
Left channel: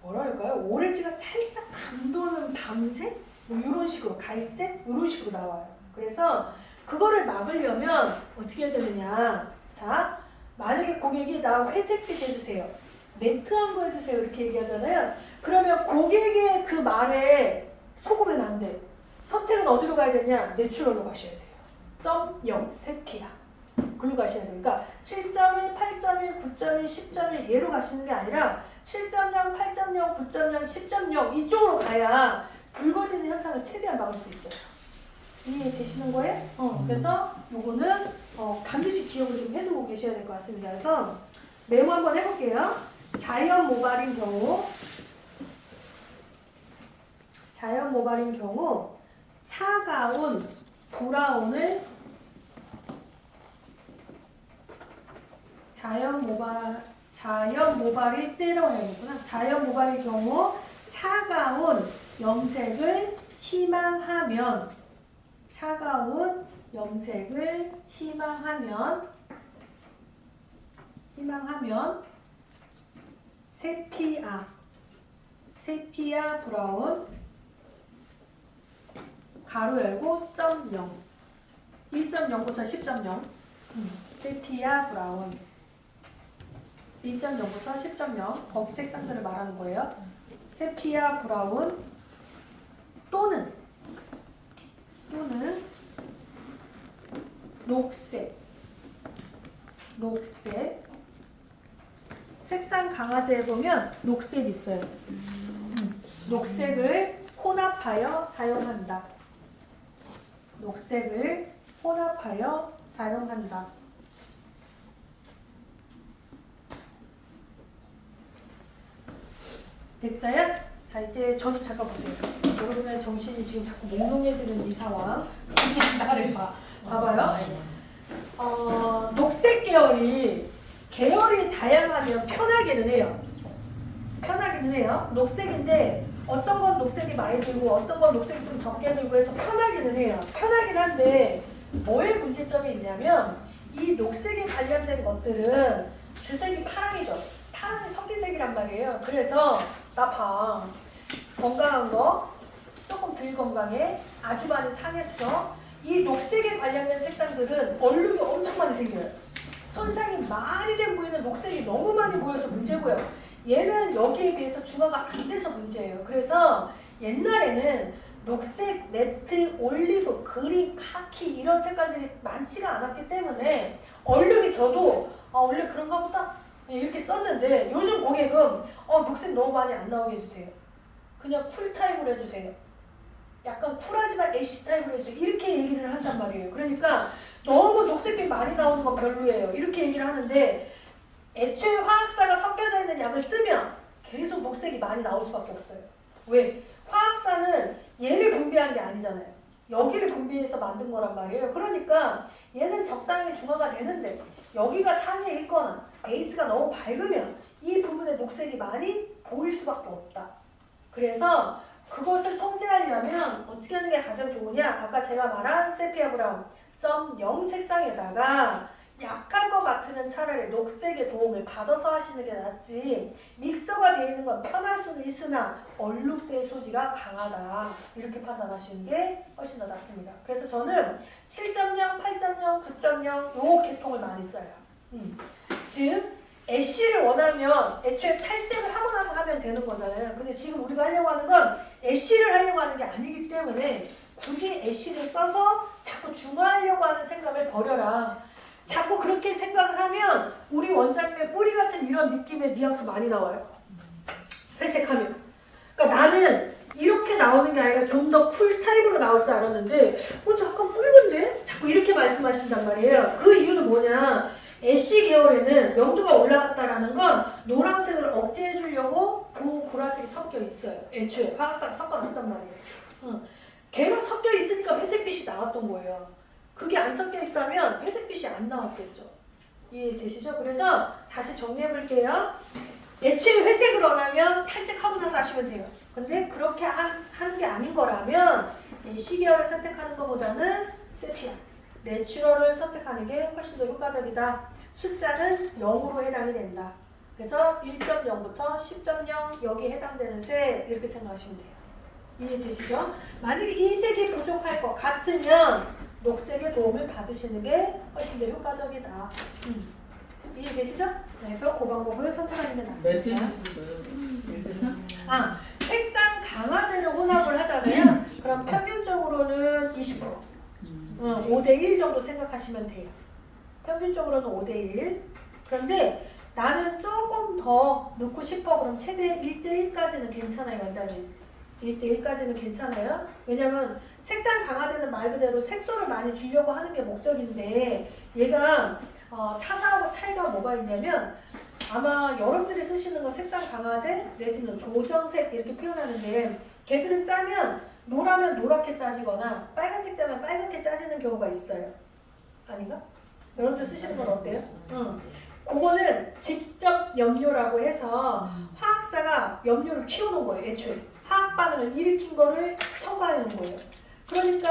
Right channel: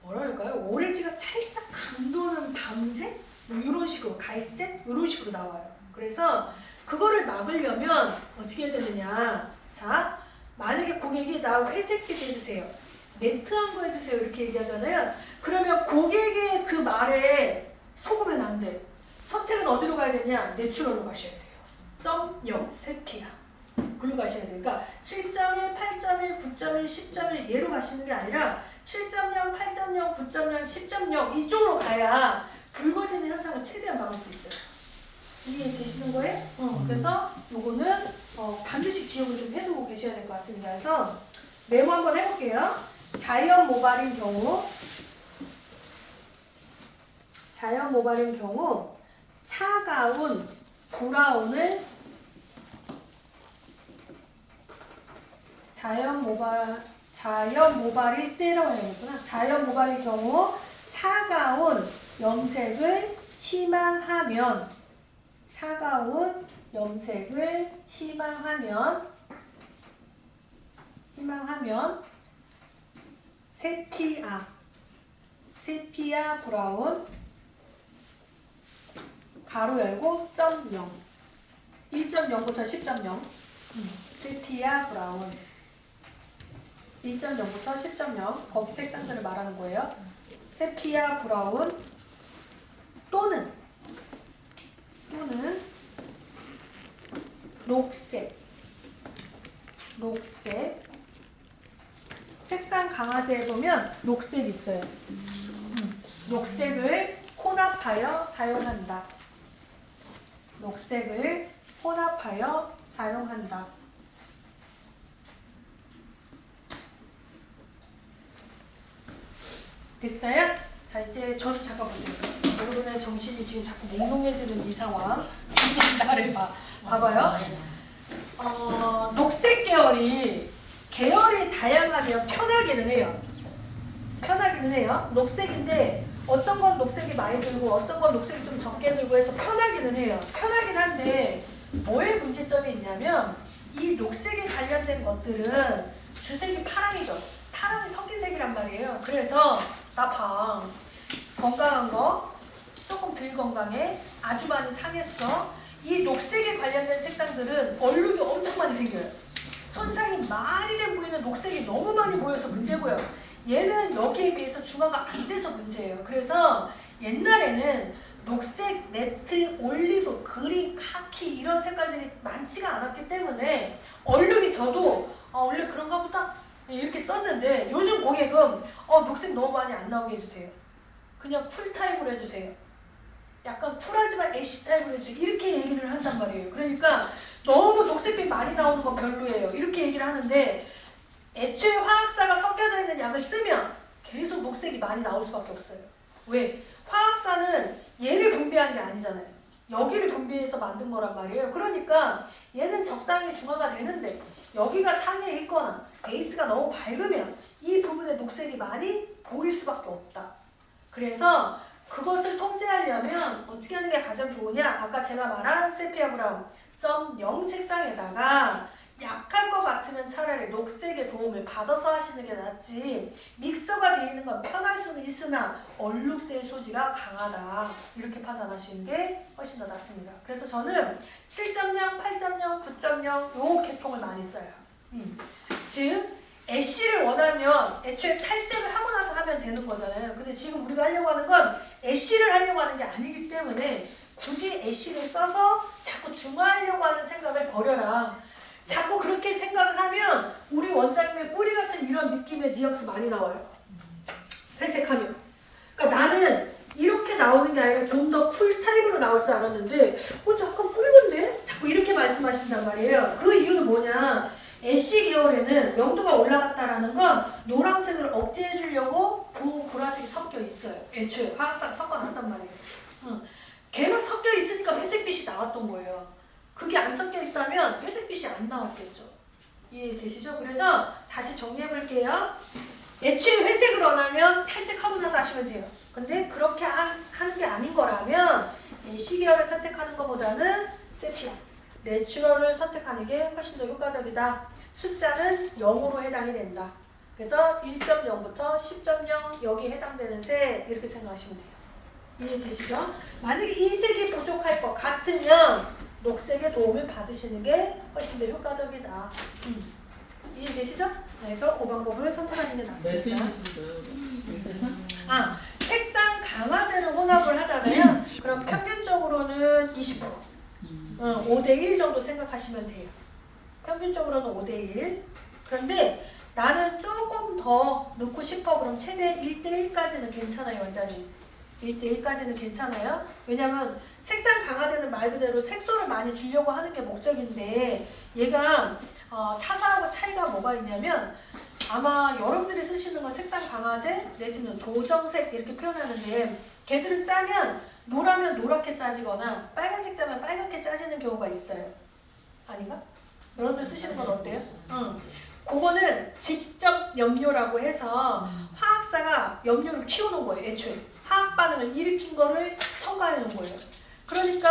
뭐랄까요? 오렌지가 살짝 감도는 밤색? 뭐 이런 식으로 갈색? 이런 식으로 나와요. 그래서 그거를 막으려면 어떻게 해야 되느냐? 자, 만약에 고객이 나 회색빛 해주세요. 매트한 거 해주세요. 이렇게 얘기하잖아요. 그러면 고객의 그 말에 속으면 안 돼. 선택은 어디로 가야 되냐? 내추럴로 가셔야 돼요. 0, 세피야. 글로 가셔야 돼요. 그러니까 7.1, 8.1, 9.1, 10.1 얘로 가시는 게 아니라 7.0, 8.0, 9.0, 10.0 이쪽으로 가야 붉어지는 현상을 최대한 막을 수 있어요. 이해되시는 거예요? 그래서 요거는 반드시 기억을 좀 해두고 계셔야 될 것 같습니다. 그래서 메모 한번 해볼게요. 자연 모발인 경우 차가운 브라운을 자연 모발일 때라고 해야겠구나. 자연 모발일 경우 차가운 염색을 희망하면 세피아 브라운 가로 열고 0 1.0부터 10.0 세피아 브라운 1.0부터 10.0 거기 색상들을 말하는 거예요. 세피아 브라운 또는 녹색 색상 강화제에 보면 녹색 있어요. 녹색을 혼합하여 사용한다. 됐어요? 자 이제 저도 잠깐 보세요. 여러분의 정신이 지금 자꾸 몽롱해지는 이 상황. 나를 봐봐요. 녹색 계열이 다양하면 편하기는 해요. 녹색인데 어떤 건 녹색이 많이 들고 어떤 건 녹색이 좀 적게 들고 해서 편하기는 해요. 편하긴 한데 뭐에 문제점이 있냐면 이 녹색에 관련된 것들은 주색이 파랑이죠. 파랑이 섞인 색이란 말이에요. 그래서 나 봐. 건강한 거 조금 덜 건강해. 아주 많이 상했어. 이 녹색에 관련된 색상들은 얼룩이 엄청 많이 생겨요. 손상이 많이 돼 보이는 녹색이 너무 많이 보여서 문제고요. 얘는 여기에 비해서 중화가 안 돼서 문제예요. 그래서 옛날에는 녹색, 네트, 올리브, 그린, 카키 이런 색깔들이 많지가 않았기 때문에 얼룩이 저도 원래 그런가 보다 이렇게 썼는데 요즘 고객은 녹색 너무 많이 안 나오게 해주세요. 그냥 쿨 타입으로 해주세요. 약간 쿨하지만 애쉬 타입으로 해주세요. 이렇게 얘기를 한단 말이에요. 그러니까 너무 녹색빛 많이 나오는 건 별로예요. 이렇게 얘기를 하는데 애초에 화학사가 섞여져 있는 약을 쓰면 계속 녹색이 많이 나올 수밖에 없어요. 왜? 화학사는 얘를 분비한 게 아니잖아요. 여기를 분비해서 만든 거란 말이에요. 그러니까 얘는 적당히 중화가 되는데 여기가 상해 있거나 베이스가 너무 밝으면 이 부분에 녹색이 많이 보일 수밖에 없다. 그래서 그것을 통제하려면 어떻게 하는 게 가장 좋으냐? 아까 제가 말한 세피아 브라운 0 색상에다가 약할 것 같으면 차라리 녹색의 도움을 받아서 하시는 게 낫지 믹서가 되어 있는 건 편할 수는 있으나 얼룩될 소지가 강하다 이렇게 판단하시는 게 훨씬 더 낫습니다. 그래서 저는 7.0, 8.0, 9.0 요 계통을 많이 써요. 즉 애쉬를 원하면 애초에 탈색을 하고 나서 하면 되는 거잖아요. 근데 지금 우리가 하려고 하는 건 애쉬를 하려고 하는 게 아니기 때문에 굳이 애쉬를 써서 자꾸 중화하려고 하는 생각을 버려라. 자꾸 그렇게 생각을 하면 우리 원장님의 뿌리 같은 이런 느낌의 뉘앙스 많이 나와요. 회색하면. 그러니까 나는 이렇게 나오는 게 아니라 좀 더 쿨 타입으로 나올 줄 알았는데 잠깐 붉은데? 자꾸 이렇게 말씀하신단 말이에요. 그 이유는 뭐냐? 애쉬 계열에는 명도가 올라갔다라는 건 노란색을 억제해 주려고 보라색이 섞여 있어요. 애초에 화학상 섞어놨단 말이에요. 걔가 섞여 있으니까 회색빛이 나왔던 거예요. 그게 안 섞여 있다면 회색빛이 안 나왔겠죠. 이해되시죠? 그래서 다시 정리해 볼게요. 애초에 회색을 원하면 탈색하고 나서 하시면 돼요. 근데 그렇게 하는 게 아닌 거라면 C계열을 선택하는 것보다는 세피아, 내추럴을 선택하는 게 훨씬 더 효과적이다. 숫자는 0으로 해당이 된다. 그래서 1.0부터 10.0 여기에 해당되는 색 이렇게 생각하시면 돼요. 이해되시죠? 만약에 이 색이 부족할 것 같으면 녹색의 도움을 받으시는 게 훨씬 더 효과적이다. 이해되시죠? 그래서 그 방법을 선택하는 게 낫습니다. 색상 강화제로 혼합을 하잖아요. 그럼 평균적으로는 20%. 5대1 정도 생각하시면 돼요. 평균적으로는 5대1. 그런데 나는 조금 더 넣고 싶어. 그럼 최대 1대1까지는 괜찮아요, 원장님. 1대1까지는 괜찮아요. 왜냐면 색상 강화제는 말 그대로 색소를 많이 주려고 하는 게 목적인데 얘가 타사하고 차이가 뭐가 있냐면 아마 여러분들이 쓰시는 건 색상 강화제 내지는 도정색 이렇게 표현하는데 걔들은 짜면 노라면 노랗게 짜지거나 빨간색 짜면 빨갛게 짜지는 경우가 있어요. 아닌가? 여러분들 쓰시는 건 어때요? 그거는 직접 염료라고 해서 화학사가 염료를 키워놓은 거예요. 애초에 화학 반응을 일으킨 거를 첨가해 놓은 거예요. 그러니까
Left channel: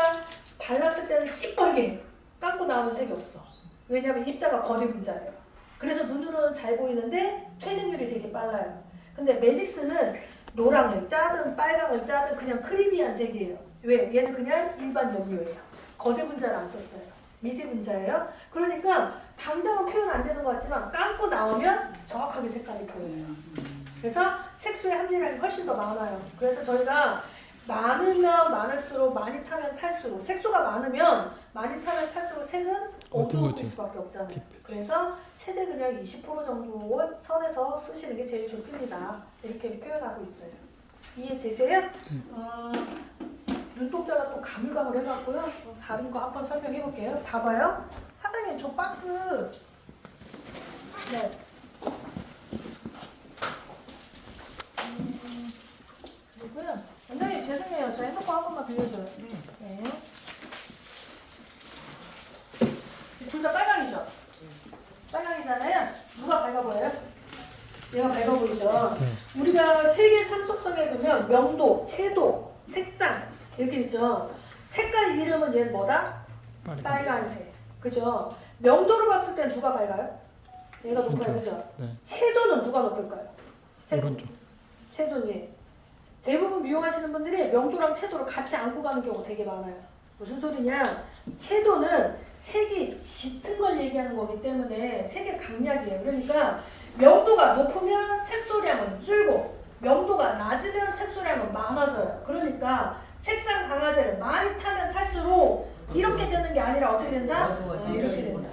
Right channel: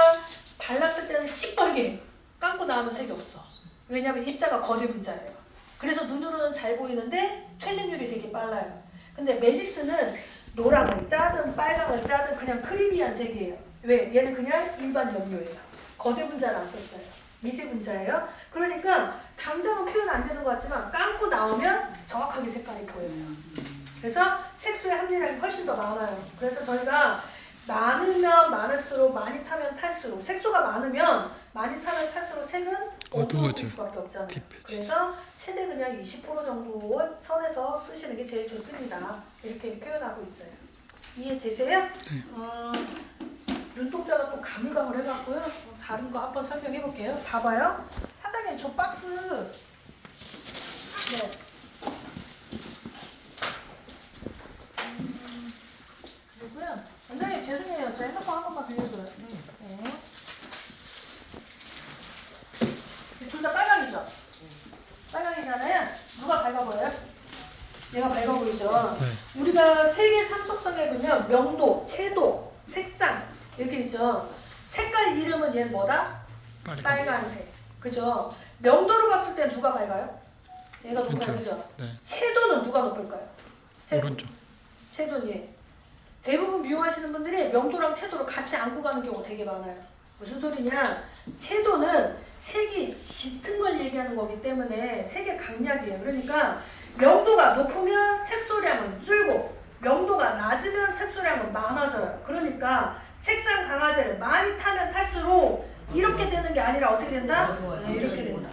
발랐을 때는 시뻘게 감고 나오는 색이 없어. 왜냐하면 입자가 거대 분자예요. 그래서 눈으로는 잘 보이는데 퇴색률이 되게 빨라요. 근데 매직스는 노랑을 짜든 빨강을 짜든 그냥 크리미한 색이에요. 왜? 얘는 그냥 일반 염료예요. 거대 분자를 안 썼어요. 미세 분자예요. 그러니까 당장은 표현 안 되는 것 같지만 감고 나오면 정확하게 색깔이 보여요. 그래서 색소의 함유량이 훨씬 더 많아요. 그래서 저희가 많으면 많을수록 많이 타면 탈수록 색소가 많으면 많이 타면 탈수록 색은 어두워질 수밖에 없잖아요. 그래서 최대 그냥 20% 정도 선에서 쓰시는 게 제일 좋습니다. 이렇게 표현하고 있어요. 이해되세요? 네. 눈동자가 또 가물가물 해갖고요. 다른 거 한번 설명해 볼게요. 봐봐요. 사장님 저 박스 네. 그리고요. 원장님 죄송해요. 저 핸드폰 한 번만 빌려줘요. 네. 둘 다 빨강이죠? 빨강이잖아요. 누가 밝아 보여요? 얘가 밝아 보이죠? 네. 우리가 색의 삼속성에 보면 명도, 채도, 색상 이렇게 있죠. 색깔 이름은 얘는 뭐다? 빨간색. 그죠? 명도로 봤을 때 누가 밝아요? 얘가 높아요. 그죠? 네. 채도는 누가 높을까요? 오른쪽. 채도는 얘. 대부분 미용하시는 분들이 명도랑 채도를 같이 안고 가는 경우 되게 많아요. 무슨 소리냐? 채도는 색이 짙은 걸 얘기하는 거기 때문에 색의 강약이에요. 그러니까 명도가 높으면 색소량은 줄고 명도가 낮으면 색소량은 많아져요. 그러니까 색상 강화제를 많이 타면 탈수록 이렇게 되는 게 아니라 어떻게 된다? 이렇게 된다.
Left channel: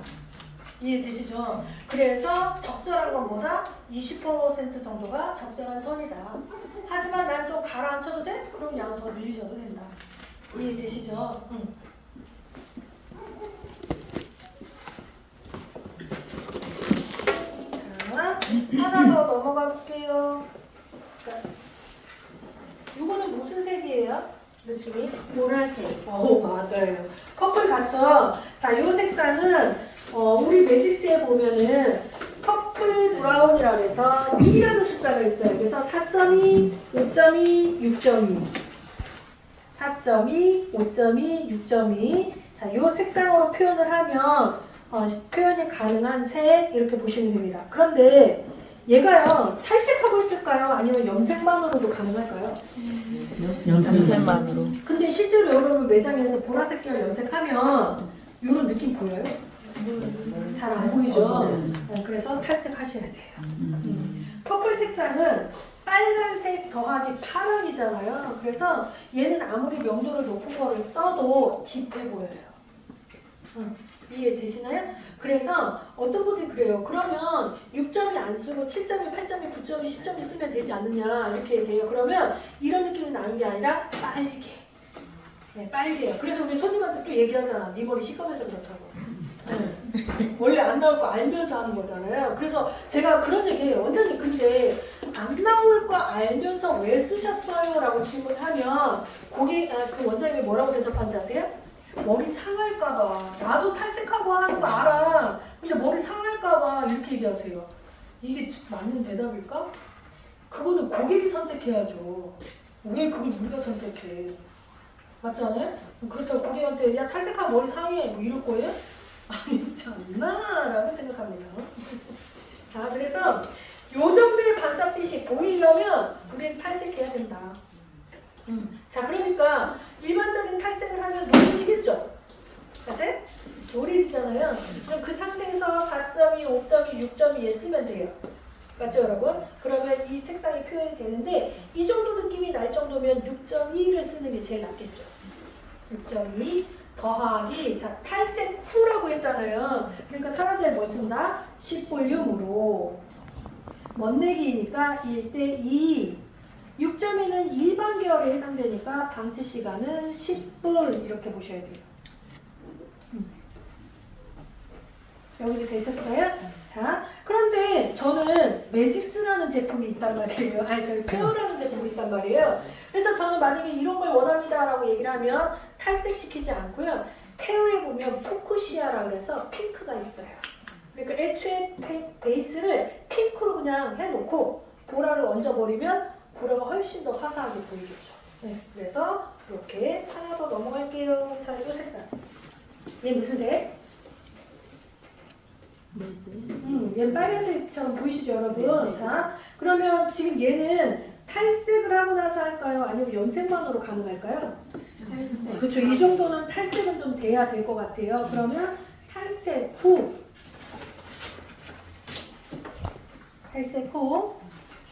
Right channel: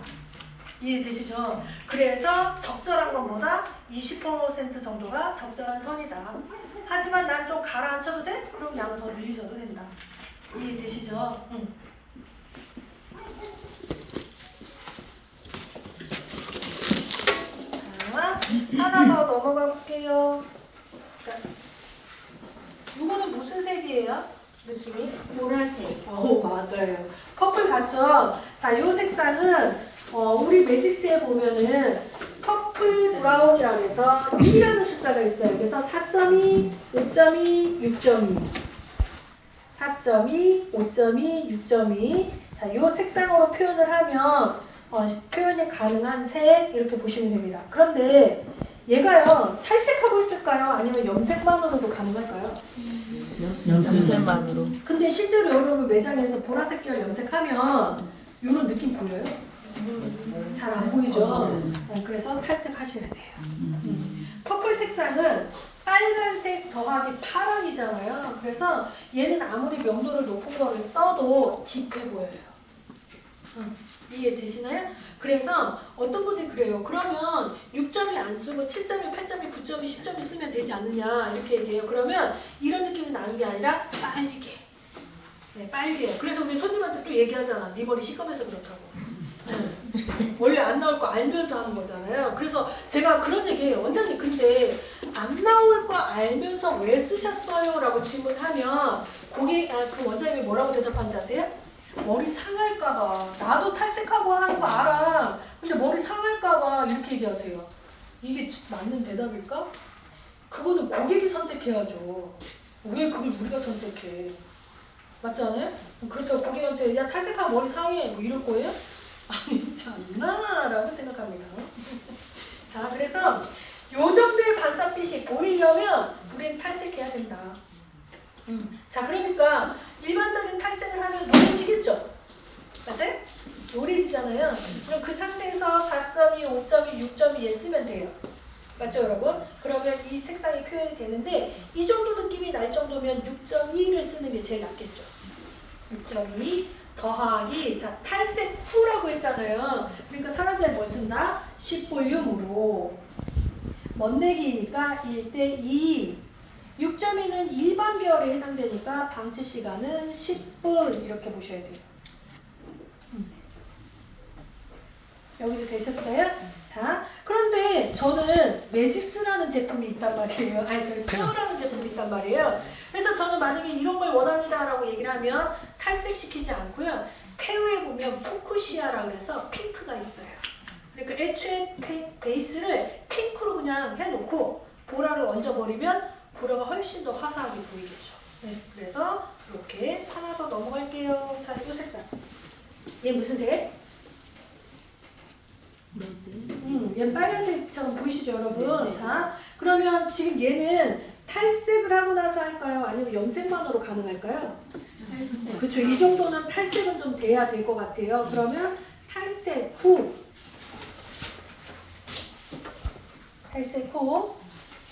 이해되시죠? 그래서 적절한 것보다 20% 정도가 적절한 선이다. 하지만 난 좀 가라앉혀도 돼? 그럼 양을 더 늘리셔도 된다. 이해되시죠? 자, 하나 더 넘어가 볼게요. 자, 이거는 무슨 색이에요? 느낌이? 보라색. 맞아요. 퍼플 같죠? 자, 이 색상은 우리 매직스에 보면은 퍼플 브라운이라고 해서 2라는 숫자가 있어요. 그래서 4.2, 5.2, 6.2 4.2, 5.2, 6.2 자, 이 색상으로 표현을 하면 표현이 가능한 색 이렇게 보시면 됩니다. 그런데 얘가요 탈색하고 있을까요? 아니면 염색만으로도 가능할까요? 염색만으로. 근데 실제로 여러분 매장에서 보라색 계열 염색하면 이런 느낌 보여요? 잘 안 보이죠? 그래서 탈색하셔야 돼요. 퍼플 색상은 빨간색 탈색 더하기 파랑이잖아요. 그래서 얘는 아무리 명도를 높은 거를 써도 딥해 보여요. 이해되시나요? 그래서 어떤 분들이 그래요. 그러면 6점이 안 쓰고 7점이, 8점이, 9점이, 10점이 쓰면 되지 않느냐 이렇게 얘기해요. 그러면 이런 느낌이 나는 게 아니라 빨개. 네, 빨개요. 그래서 우리 손님한테 또 얘기하잖아. 네 머리 시커매서 그렇다고. 네. 원래 안 나올 거 알면서 하는 거잖아요. 그래서 제가 그런 얘기해요. 원장님 근데 안 나올 거 알면서 왜 쓰셨어요? 라고 질문하면 그 원장님이 뭐라고 대답하는지 아세요? 머리 상할까봐. 나도 탈색하고 하는 거 알아. 근데 머리 상할까봐 이렇게 얘기하세요. 이게 맞는 대답일까? 그거는 고객이 선택해야죠. 왜 그걸 우리가 선택해? 맞잖아요? 그렇다고 고객한테 야 탈색하면 머리 상해 뭐 이럴 거예요? 아니지 않나라고 생각합니다. 자, 그래서 요 정도의 반사빛이 보이려면 우리는 탈색해야 된다. 자, 그러니까 일반적인 탈색을 하면 노리지겠죠? 맞아요? 노리지잖아요. 그럼 그 상태에서 4.2, 5.2, 6.2에 쓰면 돼요. 맞죠, 여러분? 그러면 이 색상이 표현이 되는데 이 정도 느낌이 날 정도면 6.2를 쓰는 게 제일 낫겠죠. 6.2 더하기 자 탈색 후라고 했잖아요. 그러니까 사라지에 뭘 쓴다? 10볼륨으로 멋내기니까 1대2 6.2는 일반 계열에 해당되니까 방치 시간은 10분 이렇게 보셔야 돼요. 여기도 되셨어요? 자, 그런데 저는 매직스라는 제품이 있단 말이에요. 아니, 저희 페어라는 제품이 있단 말이에요. 그래서 저는 만약에 이런 걸 원합니다라고 얘기를 하면 탈색시키지 않고요. 페어에 보면 포크시아라고 해서 핑크가 있어요. 그러니까 애초에 베이스를 핑크로 그냥 해놓고 보라를 얹어버리면 보라가 훨씬 더 화사하게 보이겠죠. 네, 그래서 이렇게 하나 더 넘어갈게요. 자, 이 색상. 얘 무슨 색? 얘는 빨간색처럼 보이시죠, 여러분? 자, 그러면 지금 얘는 탈색을 하고 나서 할까요? 아니면 염색만으로 가능할까요? 탈색. 그렇죠. 이 정도는 탈색은 좀 돼야 될 것 같아요. 그러면 탈색 후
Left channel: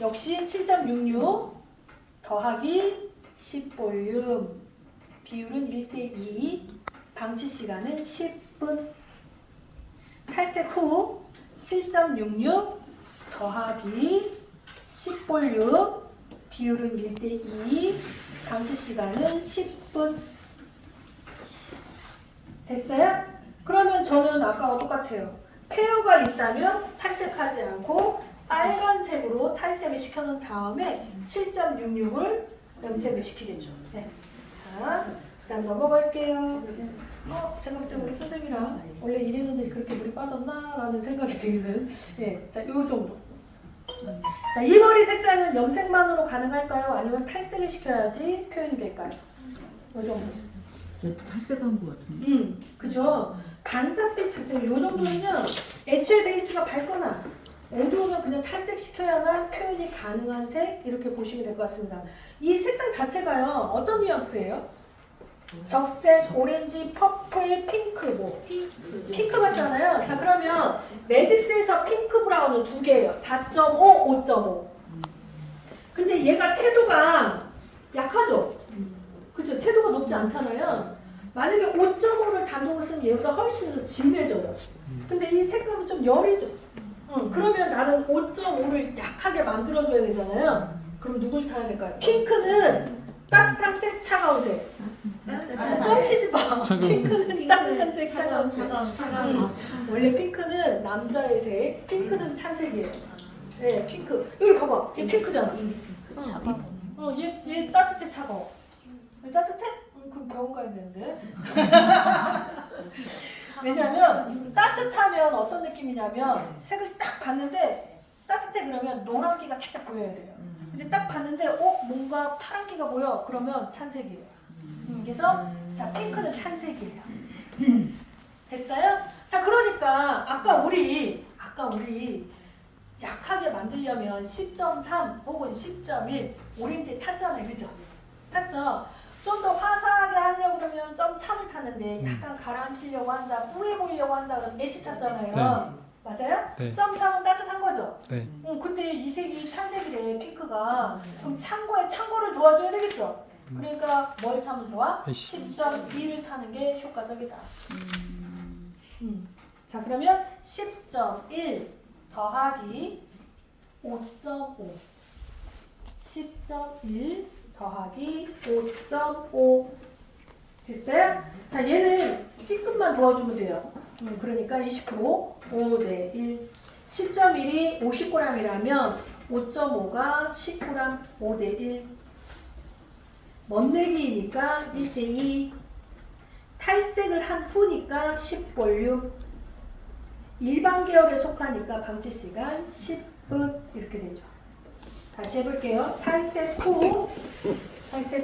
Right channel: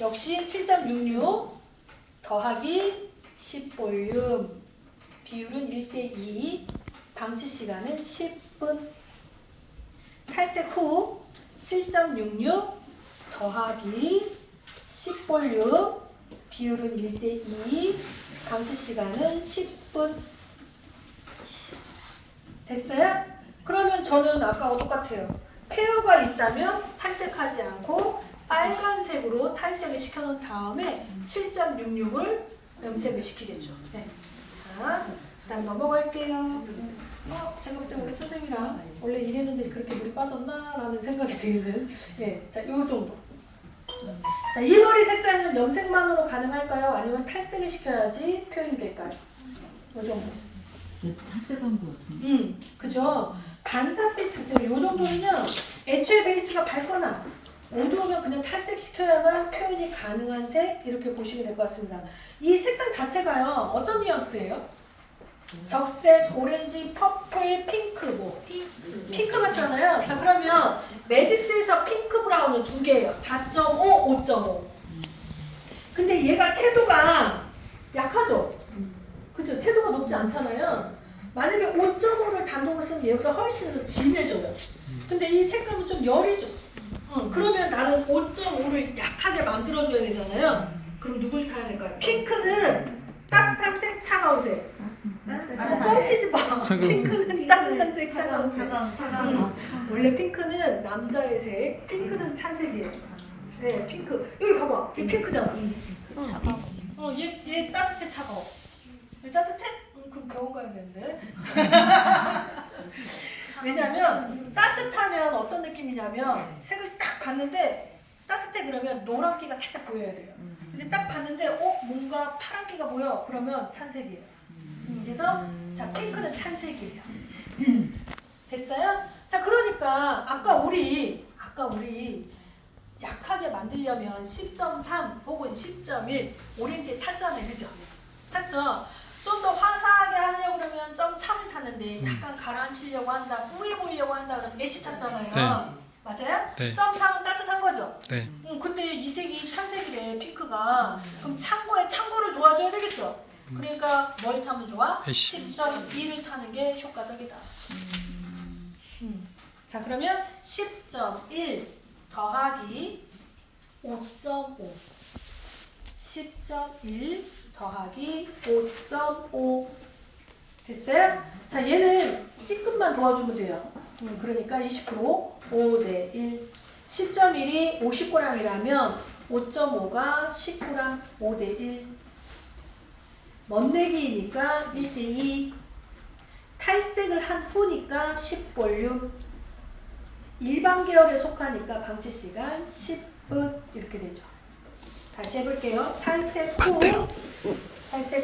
역시 7.66 더하기 10볼륨 비율은 1대2 방치 시간은 10분 탈색 후 7.66 더하기 10볼륨 비율은 1대2 방치 시간은 10분 됐어요? 그러면 저는 아까와 똑같아요. 페어가 있다면 탈색하지 않고 빨간색으로 탈색을 시켜놓은 다음에 7.66을 염색을 시키겠죠. 네. 자, 일단 넘어갈게요. 제가 볼 때 우리 선생님이랑 원래 이랬는데 그렇게 물이 빠졌나? 라는 생각이 드는 네, 자, 요 정도. 자, 이 머리 색상은 염색만으로 가능할까요? 아니면 탈색을 시켜야지 표현이 될까요? 요 정도. 탈색한 것 같은데. 그죠? 반사빛 자체가 요 정도면 애초에 베이스가 밝거나 어두우면 그냥 탈색시켜야만 표현이 가능한 색 이렇게 보시면 될 것 같습니다. 이 색상 자체가요 어떤 뉘앙스예요? 적색, 오렌지, 퍼플, 핑크 뭐 핑크 같잖아요. 자, 그러면 매직스에서 핑크 브라운은 두 개예요. 4.5, 5.5. 근데 얘가 채도가 약하죠? 그죠? 채도가 높지 않잖아요. 만약에 5.5를 단독으로 쓰면 얘보다 훨씬 더 진해져요. 근데 이 색깔은 좀 여리죠? 그러면 나는 5.5를 약하게 만들어줘야 되잖아요. 그럼 누굴 타야 될까요? 핑크는 따뜻한 색, 차가운 색. 뻥치지 마. 핑크는 따뜻한 색, 차가운 색. 원래 핑크는 남자의 색, 핑크는 찬색이에요. 네, 핑크. 여기 봐봐. 얘 핑크잖아. 얘 따뜻해, 차가워. 얘 따뜻해? 그럼 병원 가야 되는데. 왜냐면 따뜻하면 어떤 느낌이냐면 색을 딱 봤는데 따뜻해 그러면 노란기가 살짝 보여야 돼요. 근데 딱 봤는데 뭔가 파란기가 보여 그러면 찬색이에요. 그래서 자 핑크는 찬색이에요. 됐어요? 자 그러니까 아까 우리 약하게 만들려면 10.3 혹은 10.1 오렌지 탔잖아요. 그죠? 탔죠? 좀 더 화사하게 하려고 그러면 0.3을 탔는데 약간 가라앉히려고 한다, 뿌해 보이려고 한다 그러면 애쉬 탔잖아요. 맞아요? 네. 점 3은 따뜻한 거죠? 네. 근데 이 색이 찬색이래, 핑크가. 그럼 창고를 도와줘야 되겠죠? 그러니까 뭘 타면 좋아? 애쉬. 10.2를 타는 게 효과적이다. 자, 그러면 10.1 더하기 5.5. 10.1 더하기 5.5. 됐어요? 자, 얘는 찌끔만 도와주면 돼요. 그러니까 20% 5대 1. 10.1이 50g이라면 5.5가 10g 5대 1. 먼내기니까 1대 2. 탈색을 한 후니까 10볼륨. 일반 계열에 속하니까 방치 시간 10분 이렇게 되죠. 다시 해볼게요. 탈색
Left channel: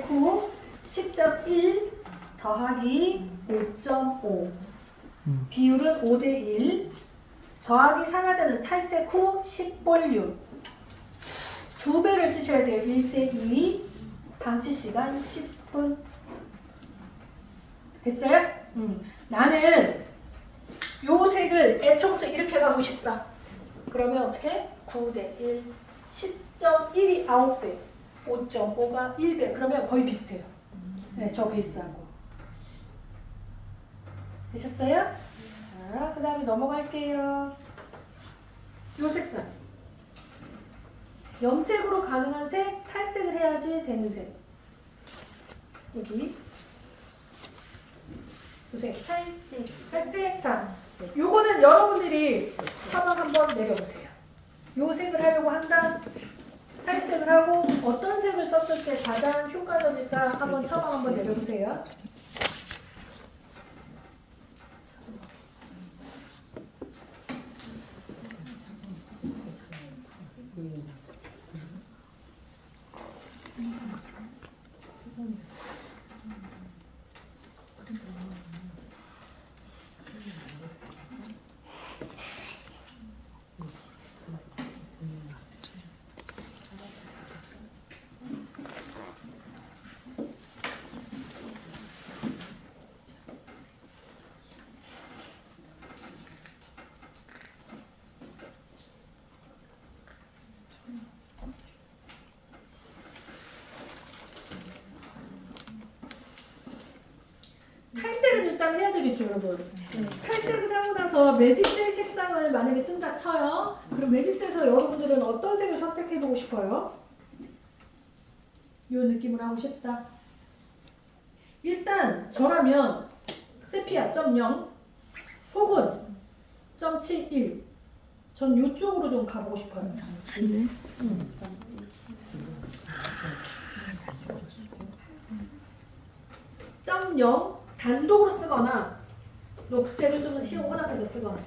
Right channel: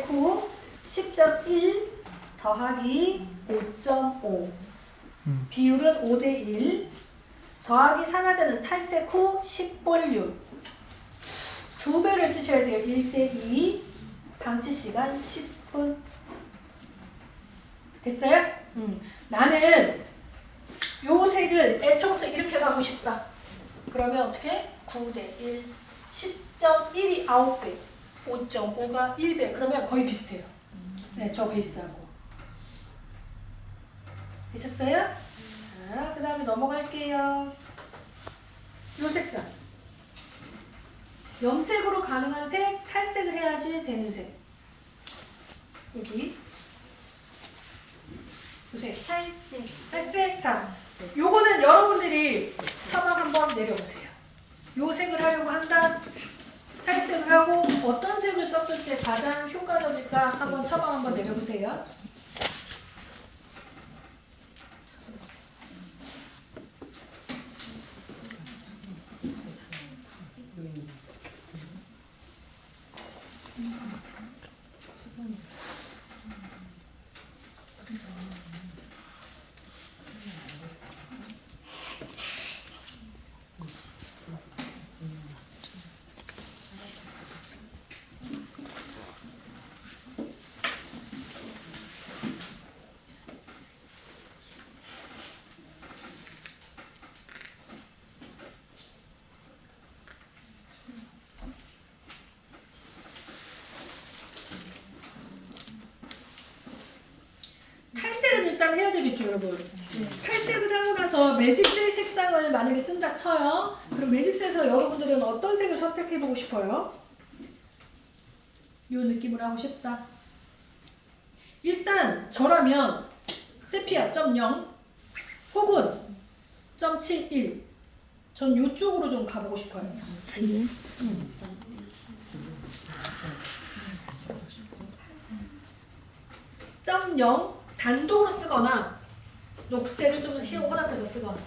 후 10.1 더하기 5.5 비율은 5대1 더하기 산화제는 탈색 후 10볼륨 2배를 쓰셔야 돼요. 1대2 방치 시간 10분 됐어요? 나는 요 색을 애초부터 이렇게 가고 싶다. 그러면 어떻게? 9대1 10.1이 9배 5.5가 1배 그러면 거의 비슷해요. 네, 저 베이스하고 되셨어요? 자, 그 다음에 넘어갈게요. 요 색상 염색으로 가능한 색, 탈색을 해야지 되는 색 여기 보세요. 탈색. 자, 요거는 여러분들이 사막 한번 내려보세요. 요 색을 하려고 한다. 탈색을 하고 어떤 색을 썼을 때 가장 효과적일까 한번 사막 한번 내려보세요. 탈색은 일단 해야 되겠죠, 여러분. 탈색을 하고 나서 매직색 색상을 만약에 쓴다 쳐요. 그럼 매직색에서 여러분들은 어떤 색을 선택해보고 싶어요? 이 느낌으로 하고 싶다. 일단 저라면 세피아 0 혹은 0.71 전 이쪽으로 좀 가보고 싶어요. 0 단독으로 쓰거나 녹색을 좀 휘어오답해서 쓰거나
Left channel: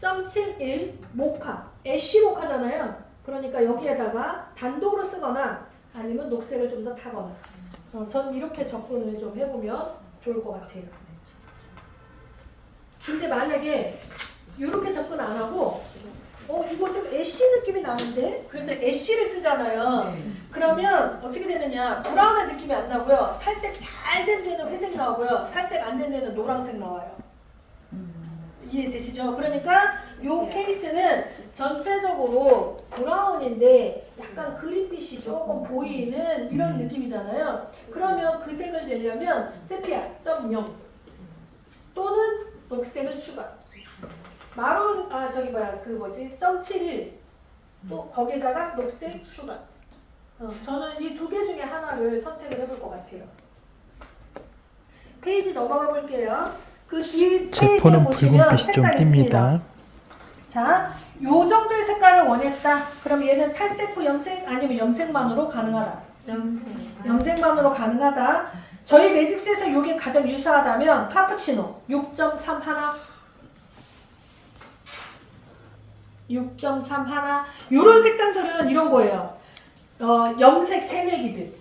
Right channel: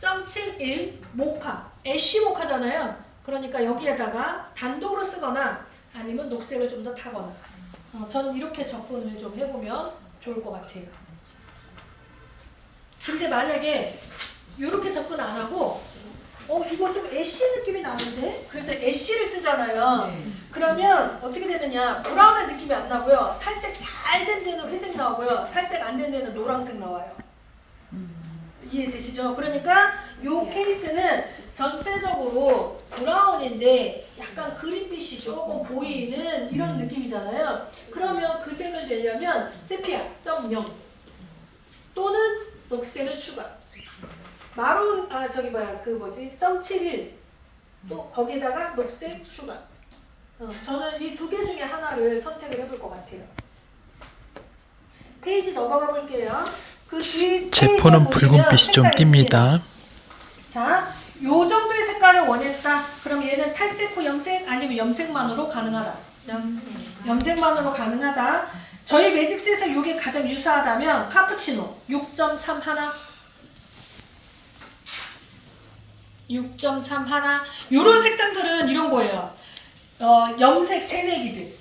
0.71 모카 애쉬 모카잖아요. 그러니까 여기에다가 단독으로 쓰거나 아니면 녹색을 좀 더 타거나 저는 이렇게 접근을 좀 해보면 좋을 것 같아요. 근데 만약에 이렇게 접근 안 하고 이거 좀 애쉬 느낌이 나는데? 그래서 애쉬를 쓰잖아요. 그러면 어떻게 되느냐 브라운의 느낌이 안 나고요. 탈색 잘 된 데는 회색 나오고요. 탈색 안 된 데는 노란색 나와요. 이해되시죠? 그러니까 이 케이스는 전체적으로 브라운인데 약간 그린빛이 조금 보이는 이런 느낌이잖아요. 그러면 그 색을 내려면 세피아 0 또는 녹색을 추가. 마룬 0.71 또 거기다가 녹색 추가. 저는 이 두 개 중에 하나를 선택을 해볼 것 같아요. 페이지 넘어가 볼게요. 그 뒤 제포는 붉은빛이 좀 띕니다. 자, 요 정도의 색깔을 원했다. 그럼 얘는 탈색 후 염색 아니면 염색만으로 가능하다. 염색만으로 가능하다. 저희 매직셋에서 이게 가장 유사하다면 카푸치노 6.3 하나 6.3 하나 요런 색상들은 이런 거예요. 염색 새내기들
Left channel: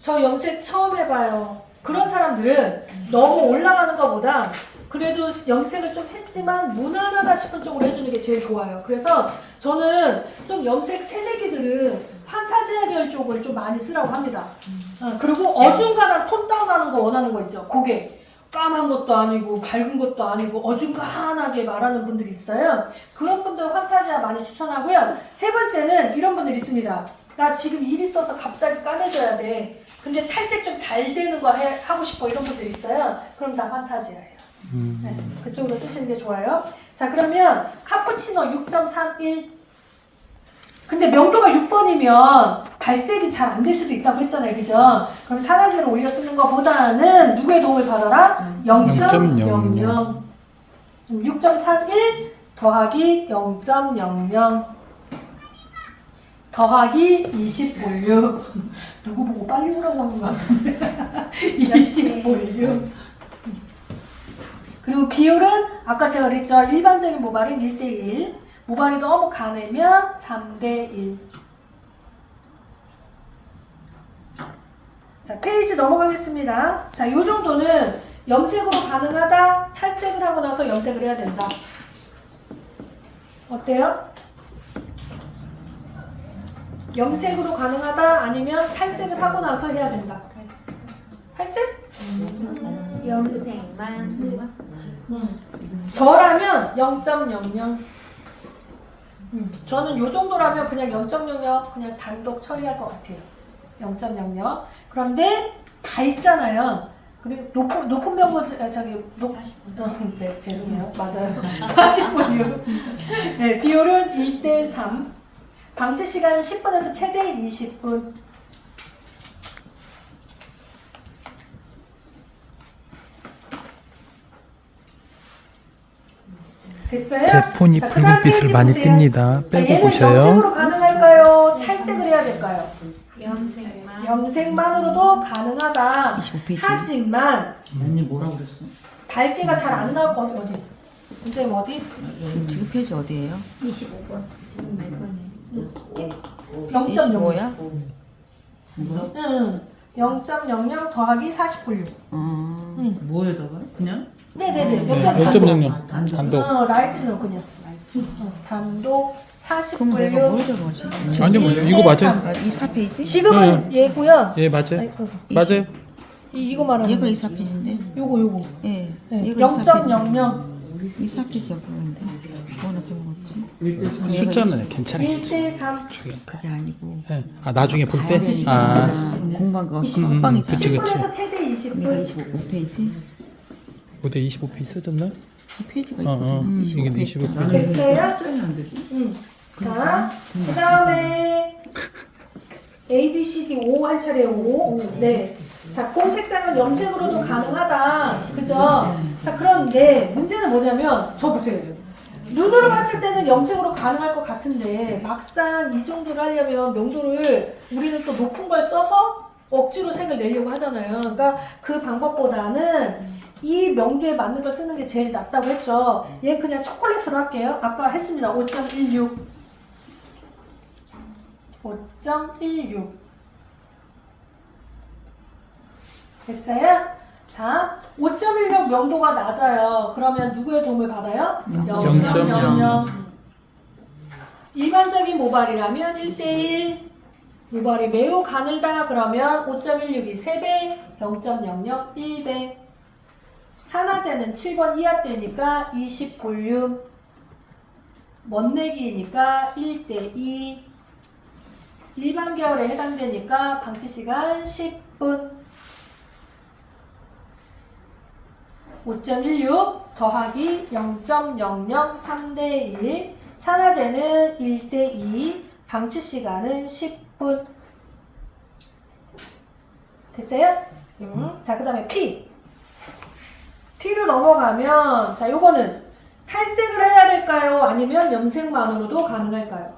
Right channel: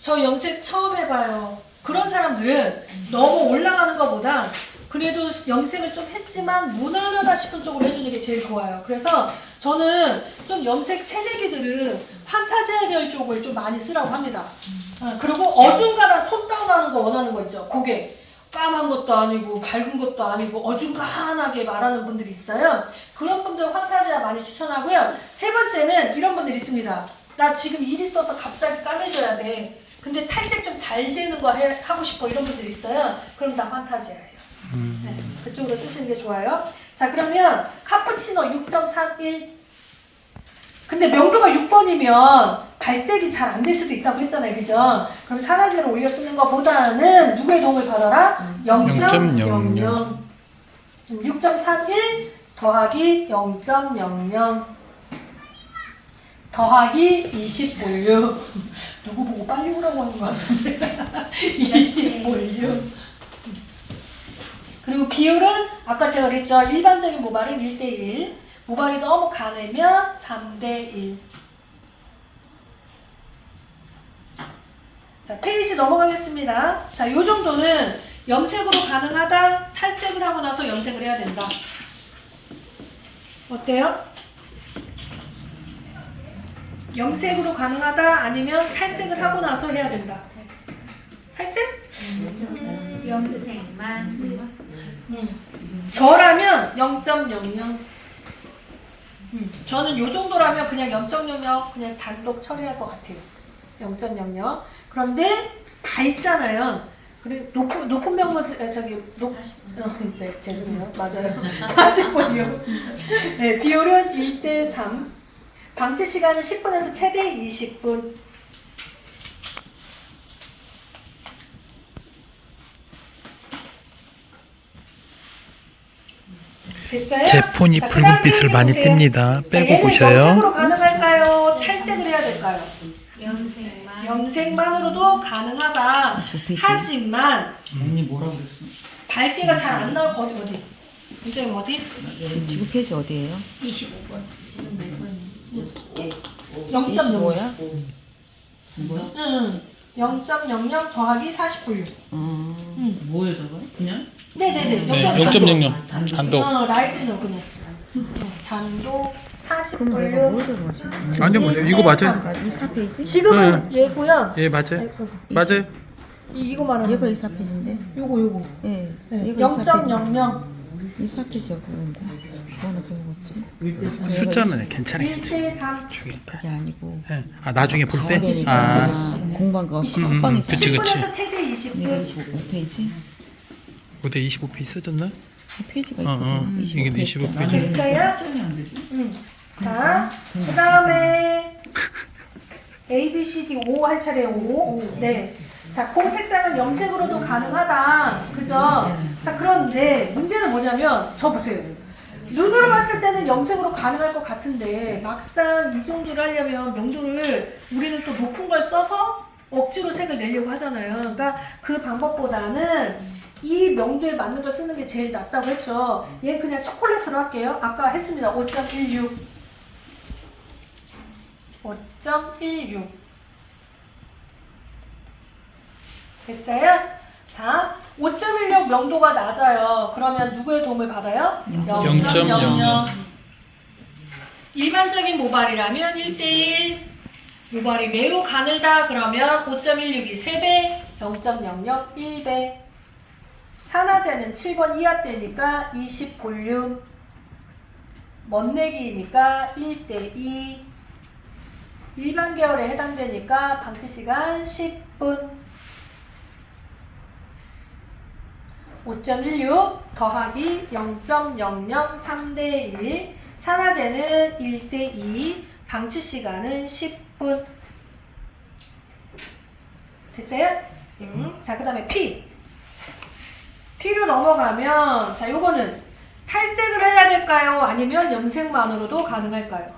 저 염색 처음 해봐요. 그런 사람들은 너무 올라가는 것보다 그래도 염색을 좀 했지만 무난하다 싶은 쪽으로 해주는 게 제일 좋아요. 그래서 저는 좀 염색 새내기들은 판타지아 계열 쪽을 좀 많이 쓰라고 합니다. 그리고 어중간한 톤 다운하는 거 원하는 거 있죠. 그게 까만 것도 아니고 밝은 것도 아니고 어중간하게 말하는 분들이 있어요. 그런 분들 판타지아 많이 추천하고요. 세 번째는 이런 분들 있습니다. 나 지금 일 있어서 갑자기 까매져야 돼. 근데 탈색 좀 잘 되는 거 하고 싶어. 이런 분들 있어요. 그럼 다 판타지아예요. 네, 그쪽으로 쓰시는 게 좋아요. 자, 그러면 카푸치노 6.31. 근데 명도가 6번이면 발색이 잘 안 될 수도 있다고 했잖아요. 그죠? 그럼 산화제를 올려 쓰는 것보다는 누구의 도움을 받아라? 0.00. 6.31 더하기 0.00 더하기 20볼륨. 누구 보고 빨리 오라고 하는 것 같은데. 20볼륨. 그리고 비율은 아까 제가 그랬죠. 일반적인 모발은 1대1. 모발이 너무 가늘면 3대1. 자, 페이지 넘어가겠습니다. 자, 요 정도는 염색으로 가능하다. 탈색을 하고 나서 염색을 해야 된다. 어때요? 염색으로 가능하다 아니면 탈색을 하고 나서 해야 된다. 탈색? 염색만. 저라면 0.00. 저는 요 정도라면 그냥 0.00 그냥 단독 처리할 것 같아요. 0.00. 그런데 다 있잖아요. 그리고 높은 명도 저기 네, 죄송해요. 맞아요. 40분이요. 네, 비율은 1대3. 방치 시간은 10분에서 최대 20분. 됐어요? 제 폰이 자, 붉은빛을 그다음 많이 페이지 보세요. 뜹니다. 빼고 얘는 보셔요. 염색으로 가능할까요? 탈색을 해야 될까요? 염색만. 염색만으로도 가능하다. 하지만 언니 뭐라고 그랬어? 밝기가 잘 안 나올 거 어디? 선생님 어디? 지금 페이지 어디예요? 25번. 지금 몇 번이에요? 0.0. 25야? 뭐야? 응. 0.00 더하기 40분류. 뭐에다가? 그냥? 네네네. 네, 0.00 단독. 라이트는 그냥. 단독 그럼 내가 40분류. 뭘 적어지? 아니요, 뭐요? 이거 맞아요. 24페이지? 지금은 얘고요. 예, 맞아요. 아이고, 맞아요. 이거 말하는 얘가 거. 24페이지인데? 요거. 예. 네. 얘가 0.00. 24페이지 여기인데? 뭐나 배워봤지? 숫자는 괜찮아요. 1대3. 그게 아니고. 예. 아, 나중에 볼 때? 아, 공부한 거 빵이지. 그치, 그치. 10분에서 최대 얘가 20분. 25페이지? 그때 25페이지 써졌나? 이 페이지가 어, 있거든. 이게 25페이지. 됐어요? 안 되지? 자, 그 다음에 A, B, C, D, O 할 차례 O. 네. 자, 콩 색상은 염색으로도 가능하다. 그죠? 자, 그런데 문제는 뭐냐면, 저 보세요. 눈으로 봤을 때는 염색으로 가능할 것 같은데, 막상 이 정도를 하려면 명도를 우리는 또 높은 걸 써서 억지로 색을 내려고 하잖아요. 그러니까 그 방법보다는 이 명도에 맞는 걸 쓰는 게 제일 낫다고 했죠. 얘 그냥 초콜릿으로 할게요. 아까 했습니다. 5.16. 5.16. 됐어요? 자, 5.16 명도가 낮아요. 그러면 누구의 도움을 받아요? 0.00. 일반적인 모발이라면 1대1. 모발이 매우 가늘다 그러면 5.16이 3배, 0.00 1배. 산화제는 7번 이하 때니까 20볼륨. 멋내기니까 1대2. 일반 계열에 해당되니까 방치 시간 10분. 5.16 더하기 0.00 3대1. 산화제는 1대2. 방치 시간은 10분. 됐어요? 자, 그 다음에 P. P로 넘어가면, 자, 요거는 탈색을 해야 될까요? 아니면 염색만으로도 가능할까요?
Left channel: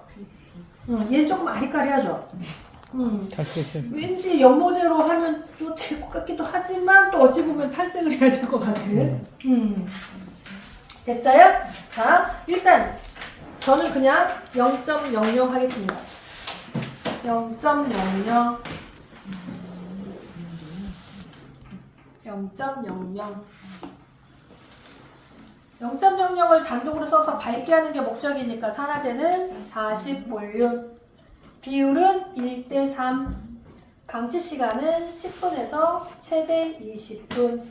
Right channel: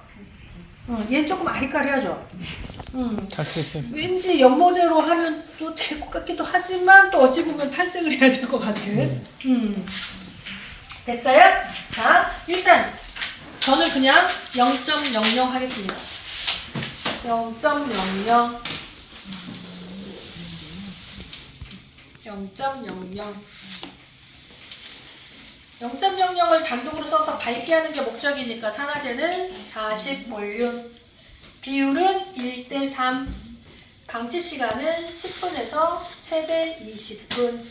얘는 조금 아리까리하죠? 탈색해. 왠지 연모제로 하면 또 될 것 같기도 하지만 또 어찌 보면 탈색을 해야 될 것 같은. 됐어요? 자, 일단 저는 그냥 0.00 하겠습니다. 0.00 0.00을 단독으로 써서 밝게 하는 게 목적이니까 산화제는 40볼륨. 비율은 1대3. 방치 시간은 10분에서 최대 20분.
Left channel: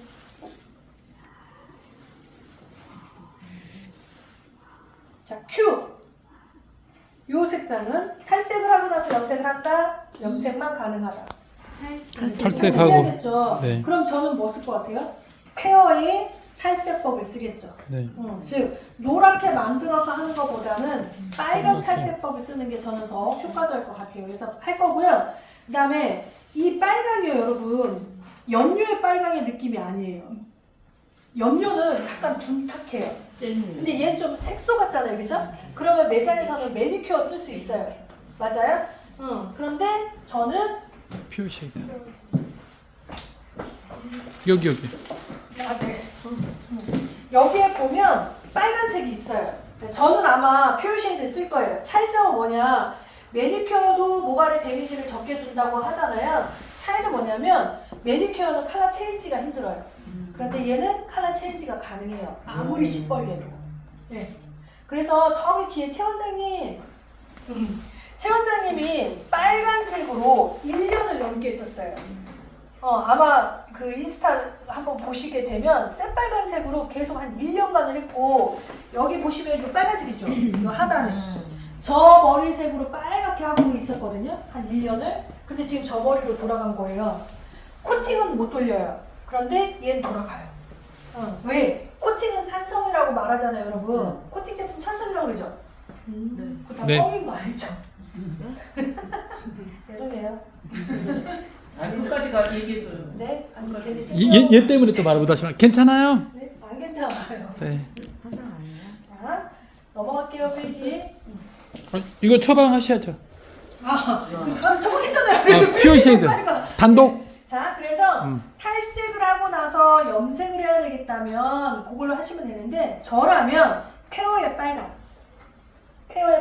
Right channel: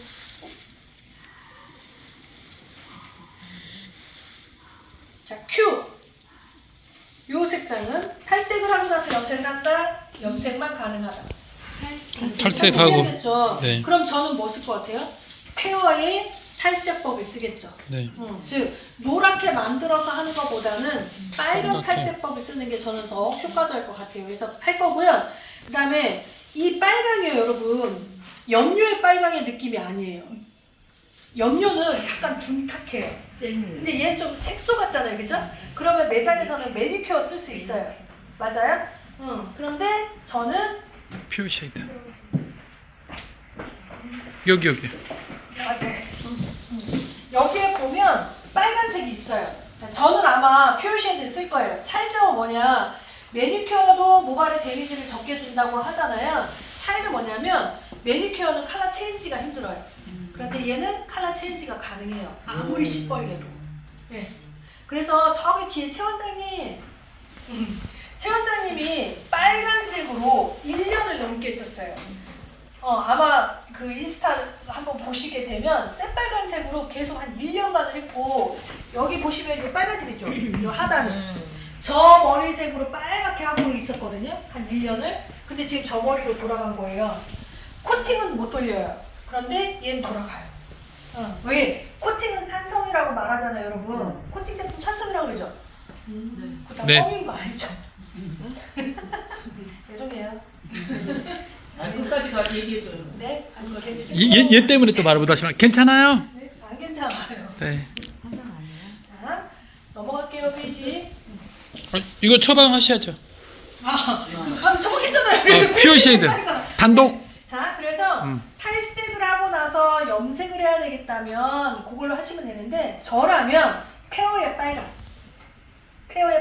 자, Q. 요 색상은 탈색을 하고 나서 염색을 한다. 염색만 가능하다. 탈색하고. 해야겠죠. 네. 그럼 저는 뭐 쓸 것 같아요? 페어의 탈색법을 쓰겠죠. 네. 즉 노랗게 만들어서 하는 것보다는 빨간 탈색법을 쓰는 게 저는 더 효과적일 것 같아요. 그래서 할 거고요. 그 다음에 이 빨강이요, 여러분. 염료의 빨강의 느낌이 아니에요. 염료는 약간 둔탁해요. 근데 얘는 좀 색소 같잖아요, 그죠? 그러면 매장에서는 매니큐어 쓸 수 있어요. 맞아요? 그런데 저는 퓨어 쉐이드. 여기. 여기에 보면 빨간색이 있어요. 저는 아마 퓨어 쉐이드 쓸 거예요. 차이점은 뭐냐? 매니큐어도 모발에 데미지를 적게 준다고 하잖아요. 차이는 뭐냐면 매니큐어는 컬러 체인지가 힘들어요. 그런데 얘는 컬러 체인지가 가능해요. 아무리 시뻘개도. 네. 그래서 저기 뒤에 최 원장님, 최 원장님이 빨간색으로 1년을 넘게 썼어요. 아마 그 인스타 한번 보시게 되면 새빨간색으로 계속 한 1년간을 했고, 여기 보시면 이 빨간색이죠. 이 하단에. 저 머리색으로 빨갛게 하고 있었거든요. 한 1년을. 근데 지금 저 머리로 돌아간 거예요. 코팅은 못 돌려요. 그런데 얘는 돌아가요. 왜? 코팅은 산성이라고 말하잖아요, 여러분. 코팅 제품 산성이라고 그러죠? 그거 다 네. 뻥인 거 알죠? 죄송해요. 끝까지 얘기해줘요. 네? 아니, 이거 괜히 얘 때문에 또 말을 못하시면 괜찮아요. 네? 안 괜찮아요. 네. 자, 넘어갈게요, 페이지. 이거 처방하셔야죠. 저거 했잖아요. 퓨어 쉐이드. 단독. 자, 그래서 탈색을 하고 나서 염색을 해야 되겠다면 그걸로 하시면 되는데, 저라면 페어의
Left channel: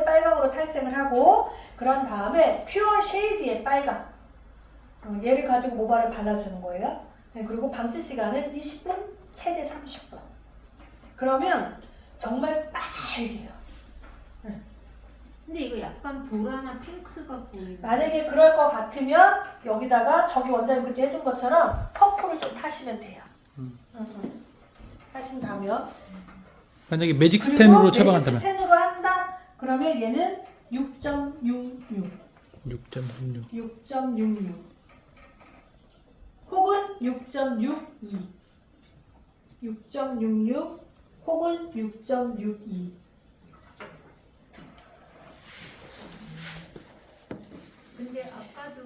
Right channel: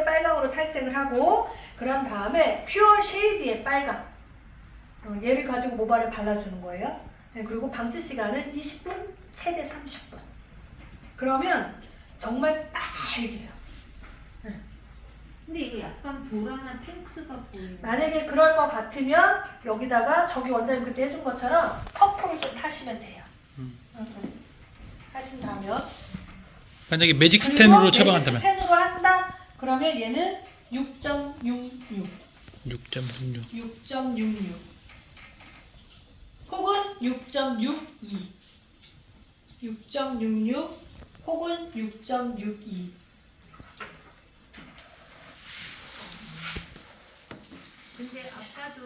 빨강으로 탈색을 하고, 그런 다음에 퓨어 쉐이드의 빨강, 얘를 가지고 모발에 발라주는 거예요. 네, 그리고 방치 시간은 20분, 최대 30분. 그러면 정말 빨개요. 근데 이거 약간 보라나 핑크가 보이네. 만약에 그럴 것 같으면 여기다가 저기 원장님 그때 해준 것처럼 퍼프를 좀 타시면 돼요. 하신다면, 만약에 매직 스텐으로 그리고 처방한다면 매직 스텐으로 한다? 그러면 얘는 6.66 6.66. 혹은 6.62 혹은 6.62. 근데 아까도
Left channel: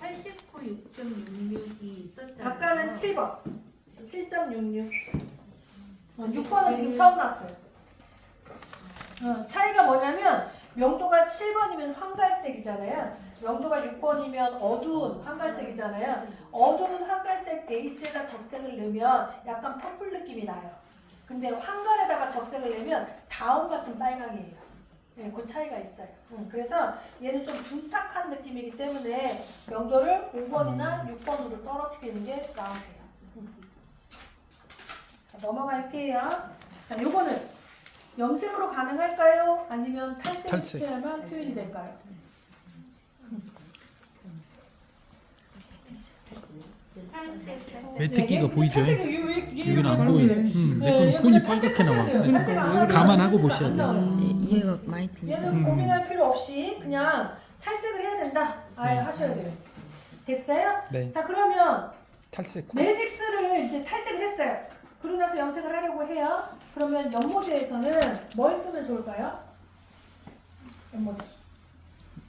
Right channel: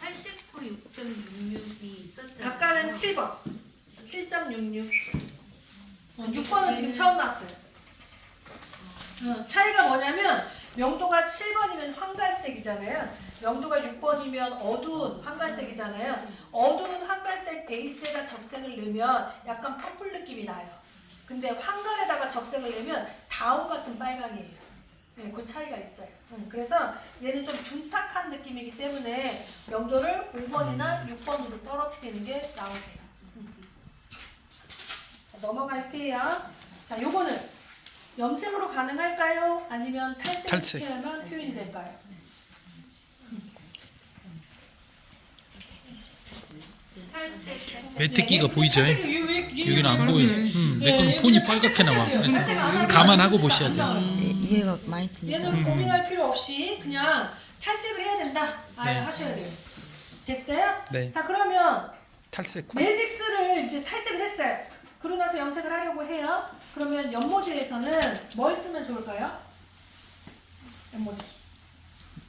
탈색코 6.66이 있었잖아요. 아까는 7번 7.66 6번은 지금 처음 나왔어요. 차이가 뭐냐면 명도가 7번이면 황갈색이잖아요. 명도가 6번이면 어두운 황갈색이잖아요. 어두운 황갈색 베이스에다 적색을 넣으면 약간 퍼플 느낌이 나요. 근데 황갈에다가 적색을 넣으면 다운 같은 빨강이에요. 네, 그 차이가 있어요. 그래서 얘는 좀 둔탁한 느낌이기 때문에 명도를 5번이나 6번으로 떨어뜨리는 게 나으세요. 자, 넘어갈게요. 자, 요거는 염색으로 가능할까요? 아니면 탈색을 시켜야만 표현이 될까요? 매트기가 보이죠? 여기는 안 네, 보이네. 내 거는 폰이 빨갛게 나와. 그래서 감안하고 보셔야 돼요. 이해가 많이 드네요. 얘는 고민할 필요 없이 그냥 탈색을 해야 된다. 네. 하셔야 돼요. 됐어요? 네. 자, 그러면 탈색. 매직스를 이제 탈색을 했어요. 그러고 나서 염색을 하려고 해요. 그러면 연모제에서는 뭘 쓰면 좋을까요? 연모제.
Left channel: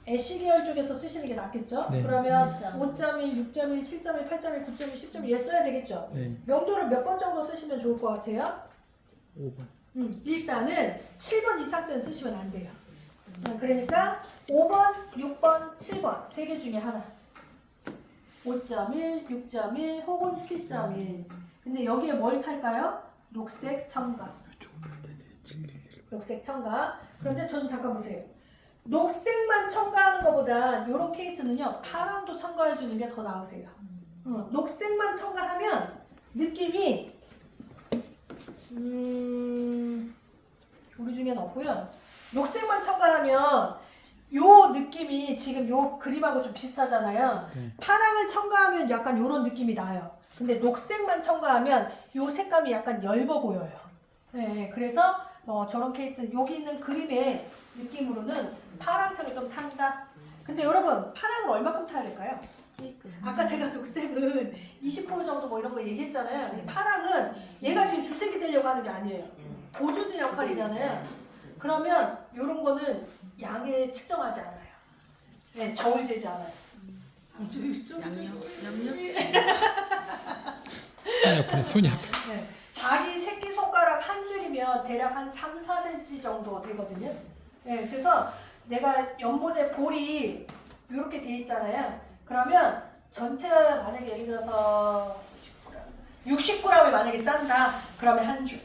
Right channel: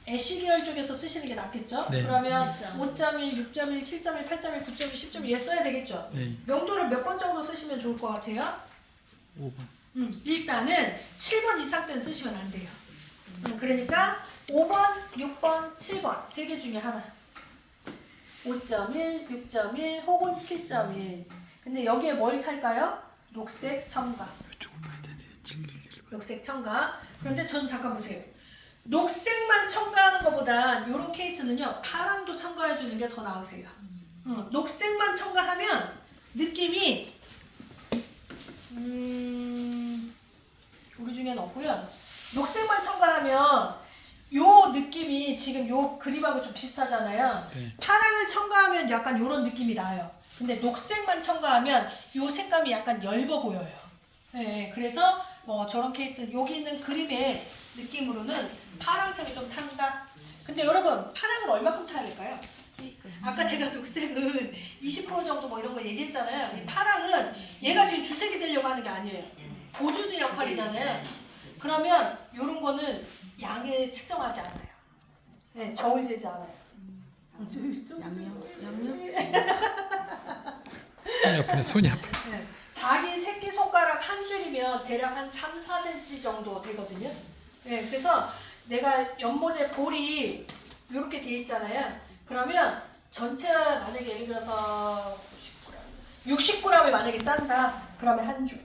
애쉬 계열 쪽에서 쓰시는 게 낫겠죠? 네. 그러면 5.1, 6.1, 7.1, 8.1, 9.1, 10.1 얘 써야 되겠죠? 네. 명도를 몇 번 정도 쓰시면 좋을 것 같아요? 5번. 일단은 7번 이상 때는 쓰시면 안 돼요. 그러니까 5번, 6번, 7번 세 개 중에 하나. 5.1, 6.1 혹은 7.1. 근데 여기에 뭘 탈까요? 녹색 첨가. 녹색 첨가. 그런데 저는 잠깐 보세요. 녹색만 첨가하는 것보다 이런 케이스는요, 파랑도 첨가해 주는 게 더 나으세요. 녹색만 첨가하면 느낌이 우리 중에는 없고요. 녹색만 첨가하면 요 느낌이 지금 요 그림하고 좀 비슷하잖아요. 네. 파랑을 첨가하면 약간 요런 느낌이 나요. 근데 녹색만 첨가하면 요 색감이 약간 엷어 보여요. 네, 그래서 저런 케이스 여기 있는 그림의 느낌으로는 파란색이 좀 탄다. 근데 여러분 파랑은 얼마큼 타야 될까요? 아까 제가 녹색은 20% 정도 뭐 이런 거 얘기했잖아요. 이 파랑은 얘가 지금 주색이 되려고 하는 게 아니에요. 보조제 역할이잖아요. 그러면 이런 거는 양에 측정하지 않아요. 네, 저울 재지 않아요. 손이 아프네, 손이 아프. 네. 자기 새끼손가락 한 줄이면 대략 한 3, 4cm 정도 되거든요. 네, 그래서 내가 연모제 볼이 이렇게 돼 있잖아요. 그러면 전체 만약에 예를 들어서 60g을 만약에 짠다. 그러면 한 줄.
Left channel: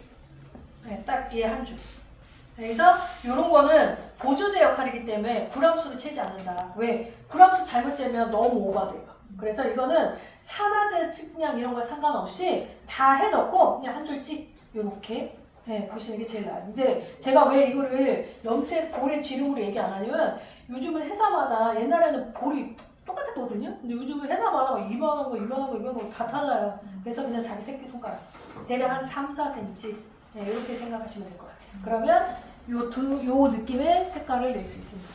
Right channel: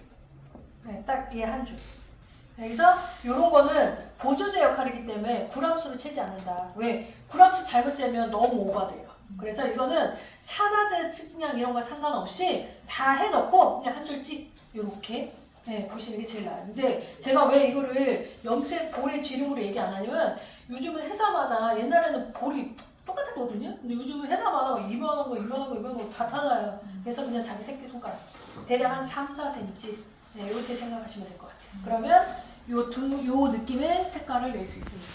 네, 딱 얘 한 줄. 그래서 이런 거는 보조제 역할이기 때문에 g수로 채지 않는다. 왜? g수 잘못 재면 너무 오버돼요. 그래서 이거는 산화제 측량 이런 거 상관없이 다 해놓고 그냥 한 줄씩 이렇게 보시는 게 제일 나아요. 근데 제가 왜 이거를 염색 볼의 지름으로 얘기 안 하냐면 요즘은 회사마다 옛날에는 볼이 똑같았거든요. 근데 요즘은 회사마다 이만한 거 다 달라요. 그래서 그냥 자기 새끼손가락 대략 한 3, 4cm 이렇게 생각하시면 될 것 같아요. 그러면 요 느낌의 색깔을 낼 수 있습니다.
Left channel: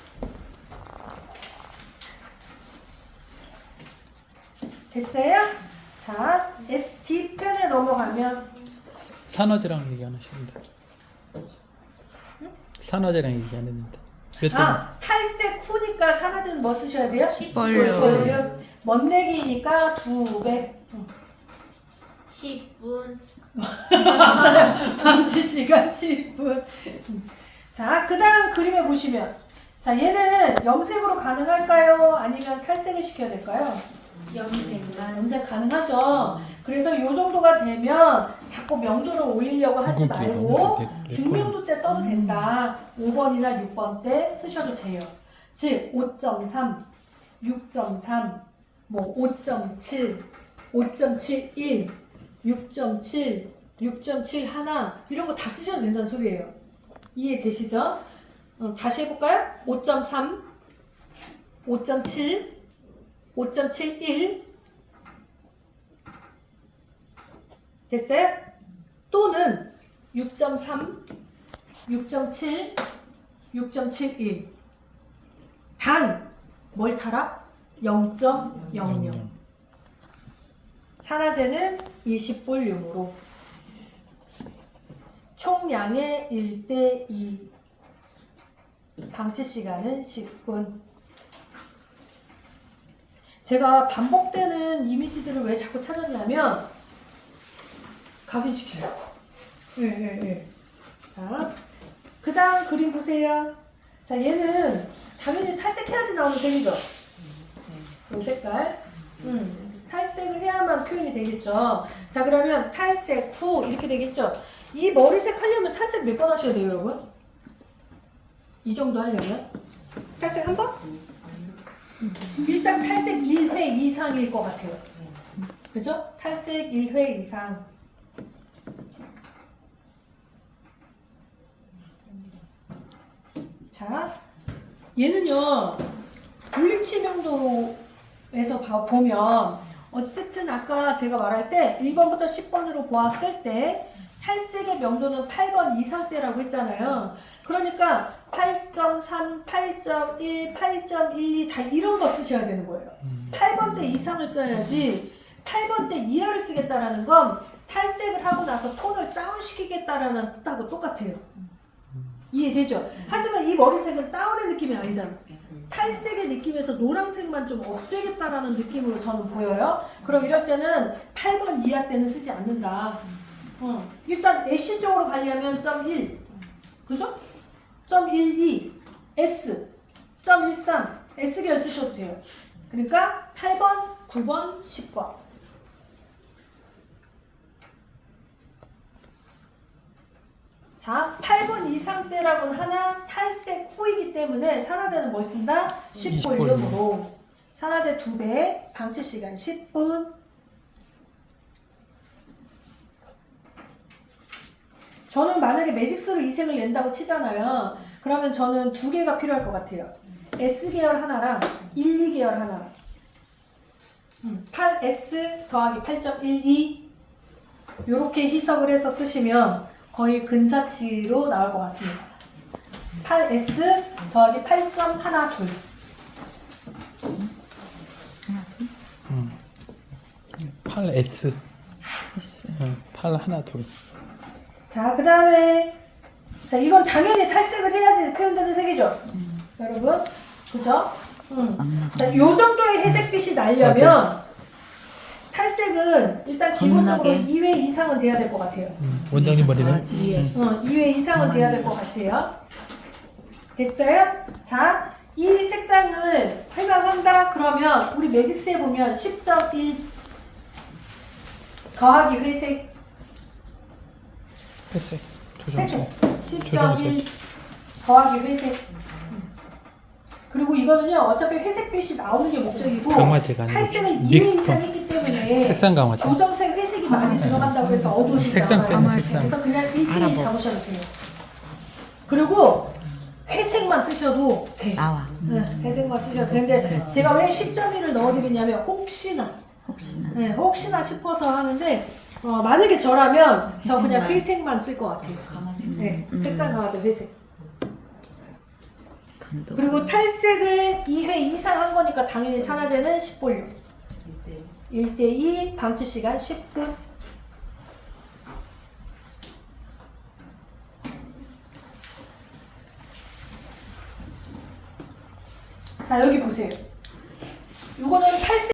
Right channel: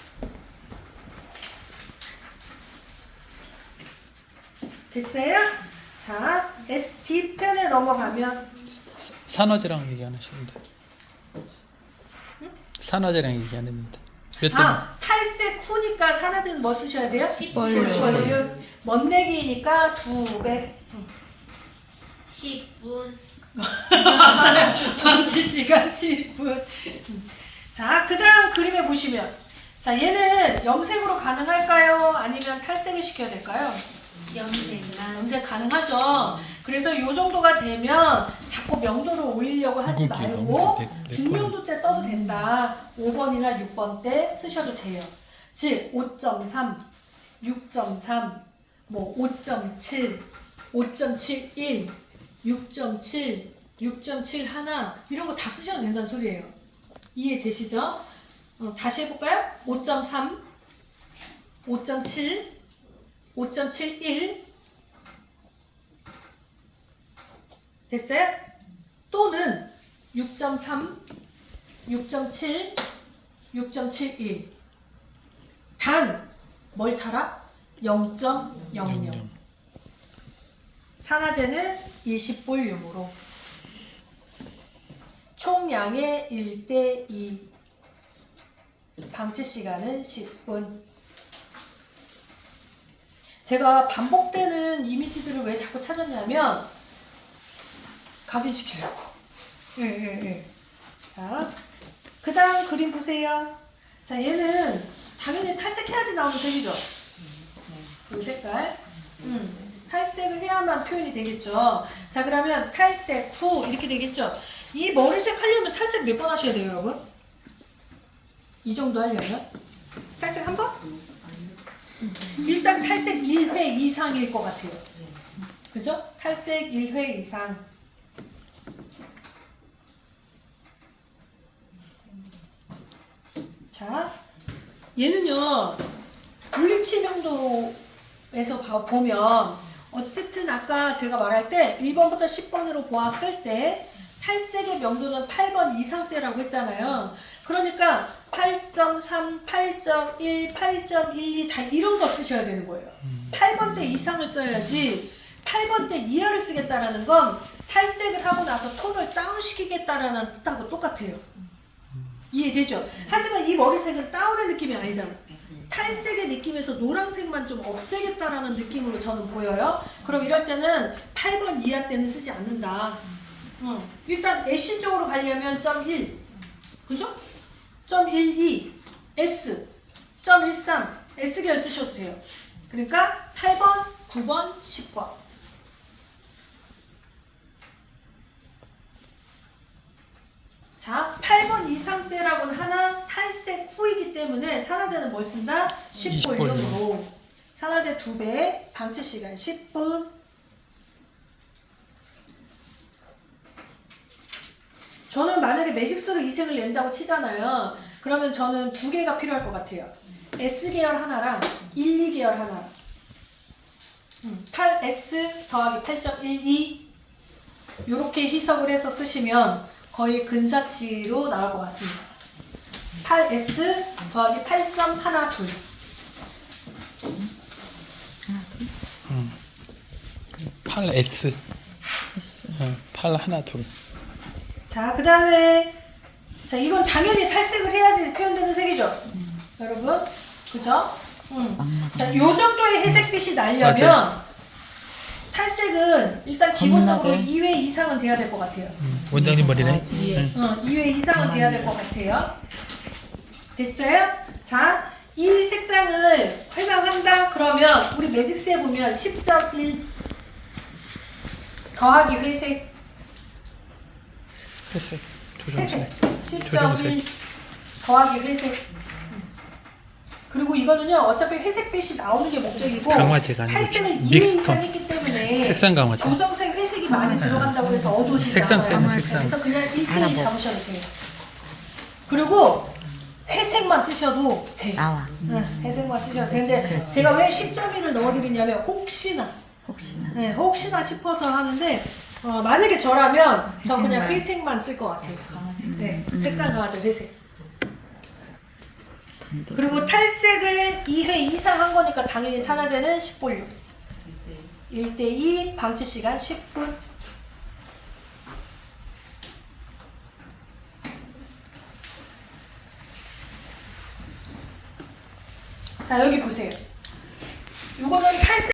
됐어요? 자, D편에 넘어가면 산화제랑 얘기 안 하셨는데. 산화제랑 얘기 안 했는데. 몇 점? 탈색 후니까 산화제는 뭐 쓰셔야 돼요? 10분. 멋내기니까 200분. 10분. 방치 시간 10분. 자, 그 다음 그림에 보시면 자, 얘는 염색으로 가능할까요? 아니면 탈색을 시켜야 될까요? 염색만. 염색 가능하죠. 그래서 이 정도가 되면 자꾸 명도를 올리려고 하지 이건 기 말고 너무 내 중명도 때 써도 된다. 5번이나 6번 때 쓰셔도 돼요. 즉 5.3, 6.3, 뭐 5.7, 5.71, 6.7, 6.7 하나 이런 거 다 쓰셔도 된다는 소리예요. 이해되시죠? 다시 해볼까요? 5.3, 5.7, 5.71 됐어요? 또는 6.3, 6.7, 6.71 단 뭘 타라? 0.00 산화제는 20볼륨으로 총량의 1:2 방치 시간은 10분. 제가 반복되는 이미지들을 왜 자꾸 찾았냐면 각인시키려고. 예. 자, 그 다음 그림 보세요. 자, 얘는 당연히 탈색해야지 나오는 색이죠. 이 색깔. 탈색을 해야만 표현이 되겠죠. 자, 그러면 탈색 후 이렇게 되겠죠. 이 머리색 하려면 탈색 몇 번 하셔야 돼요, 여러분? 이 정도 하려면? 탈색 한 번? 일단 탈색 1회 이상일 것 같아요. 그죠? 탈색 1회 이상. 자, 얘는요, 블리치 명도에서 보면, 어쨌든 아까 제가 말할 때 1번부터 10번으로 보았을 때 탈색의 명도는 8번 이상대라고 했잖아요. 그러니까 8.3, 8.1, 8.12 다 이런 거 쓰셔야 되는 거예요. 8번대 이상을 써야지 8번대 이하를 쓰겠다라는 건 탈색을 하고 나서 톤을 다운시키겠다라는 뜻하고 똑같아요. 이해되죠? 하지만 이 머리색은 다운의 느낌이 아니잖아. 탈색의 느낌에서 노란색만 좀 없애겠다라는 느낌으로 저는 보여요. 그럼 이럴 때는 8번 이하 때는 쓰지 않는다. 일단 애쉬 쪽으로 가려면 0.1 그죠? 0.12 S 0.13 S계열 쓰셔도 돼요. 그러니까 8번, 9번, 10번 자, 8번 이상대라고는 하나 탈색 후이기 때문에 산화제는 뭘 쓴다? 10볼륨으로 산화제 2배, 방치 시간 10분. 저는 만약에 매직스로 이색을 낸다고 치잖아요. 그러면 저는 2개가 필요할 것 같아요. S계열 하나랑 1, 2계열 하나. 8S 더하기 8.12 이렇게 희석을 해서 쓰시면 거의 근사치로 나올 것 같습니다. 8S 더하기 8.12. 8S. 8 하나 둘. 자, 그 다음에 자, 이건 당연히 탈색을 해야지 표현되는 색이죠. 여러분, 그죠? 자, 요 정도의 회색빛이 나려면 탈색은 일단 기본적으로 은은하게. 2회 이상은 돼야 될 것 같아요. 원장님 머리네. 2회 이상은 돼야 될 것 같아요. 됐어요? 자, 이 색상을 해당한다 그러면 우리 매직스에 보면 10.1 더하기 회색 회색. 회색 조정색. 10.1 더하기 회색. 그리고 이거는요 어차피 회색빛이 나오는 게 목적이고 강화제가 아니고 탈색을 2회 믹스톤. 이상 했기 때문에 색상 강화제. 조정색 회색이 많이 들어간다고 해서 어두워지지 색상 않아요. 때문에 색상. 그래서 그냥 1대1 알아보. 잡으셔도 돼요. 그리고 회색만 쓰셔도 돼요. 나와. 회색만 쓰셔도 되는데 제가 왜 10.1을 넣어드리냐면 혹시나 싶어서 하는데 만약에 저라면 저 그냥 회색만 쓸 것 같아요. 네, 색상 강화제 회색. 그리고 탈색을 2회 이상 한 거니까 당연히 산화제는 10볼륨. 1대2 방치 시간 10분. 자, 여기 보세요. 요거는 탈색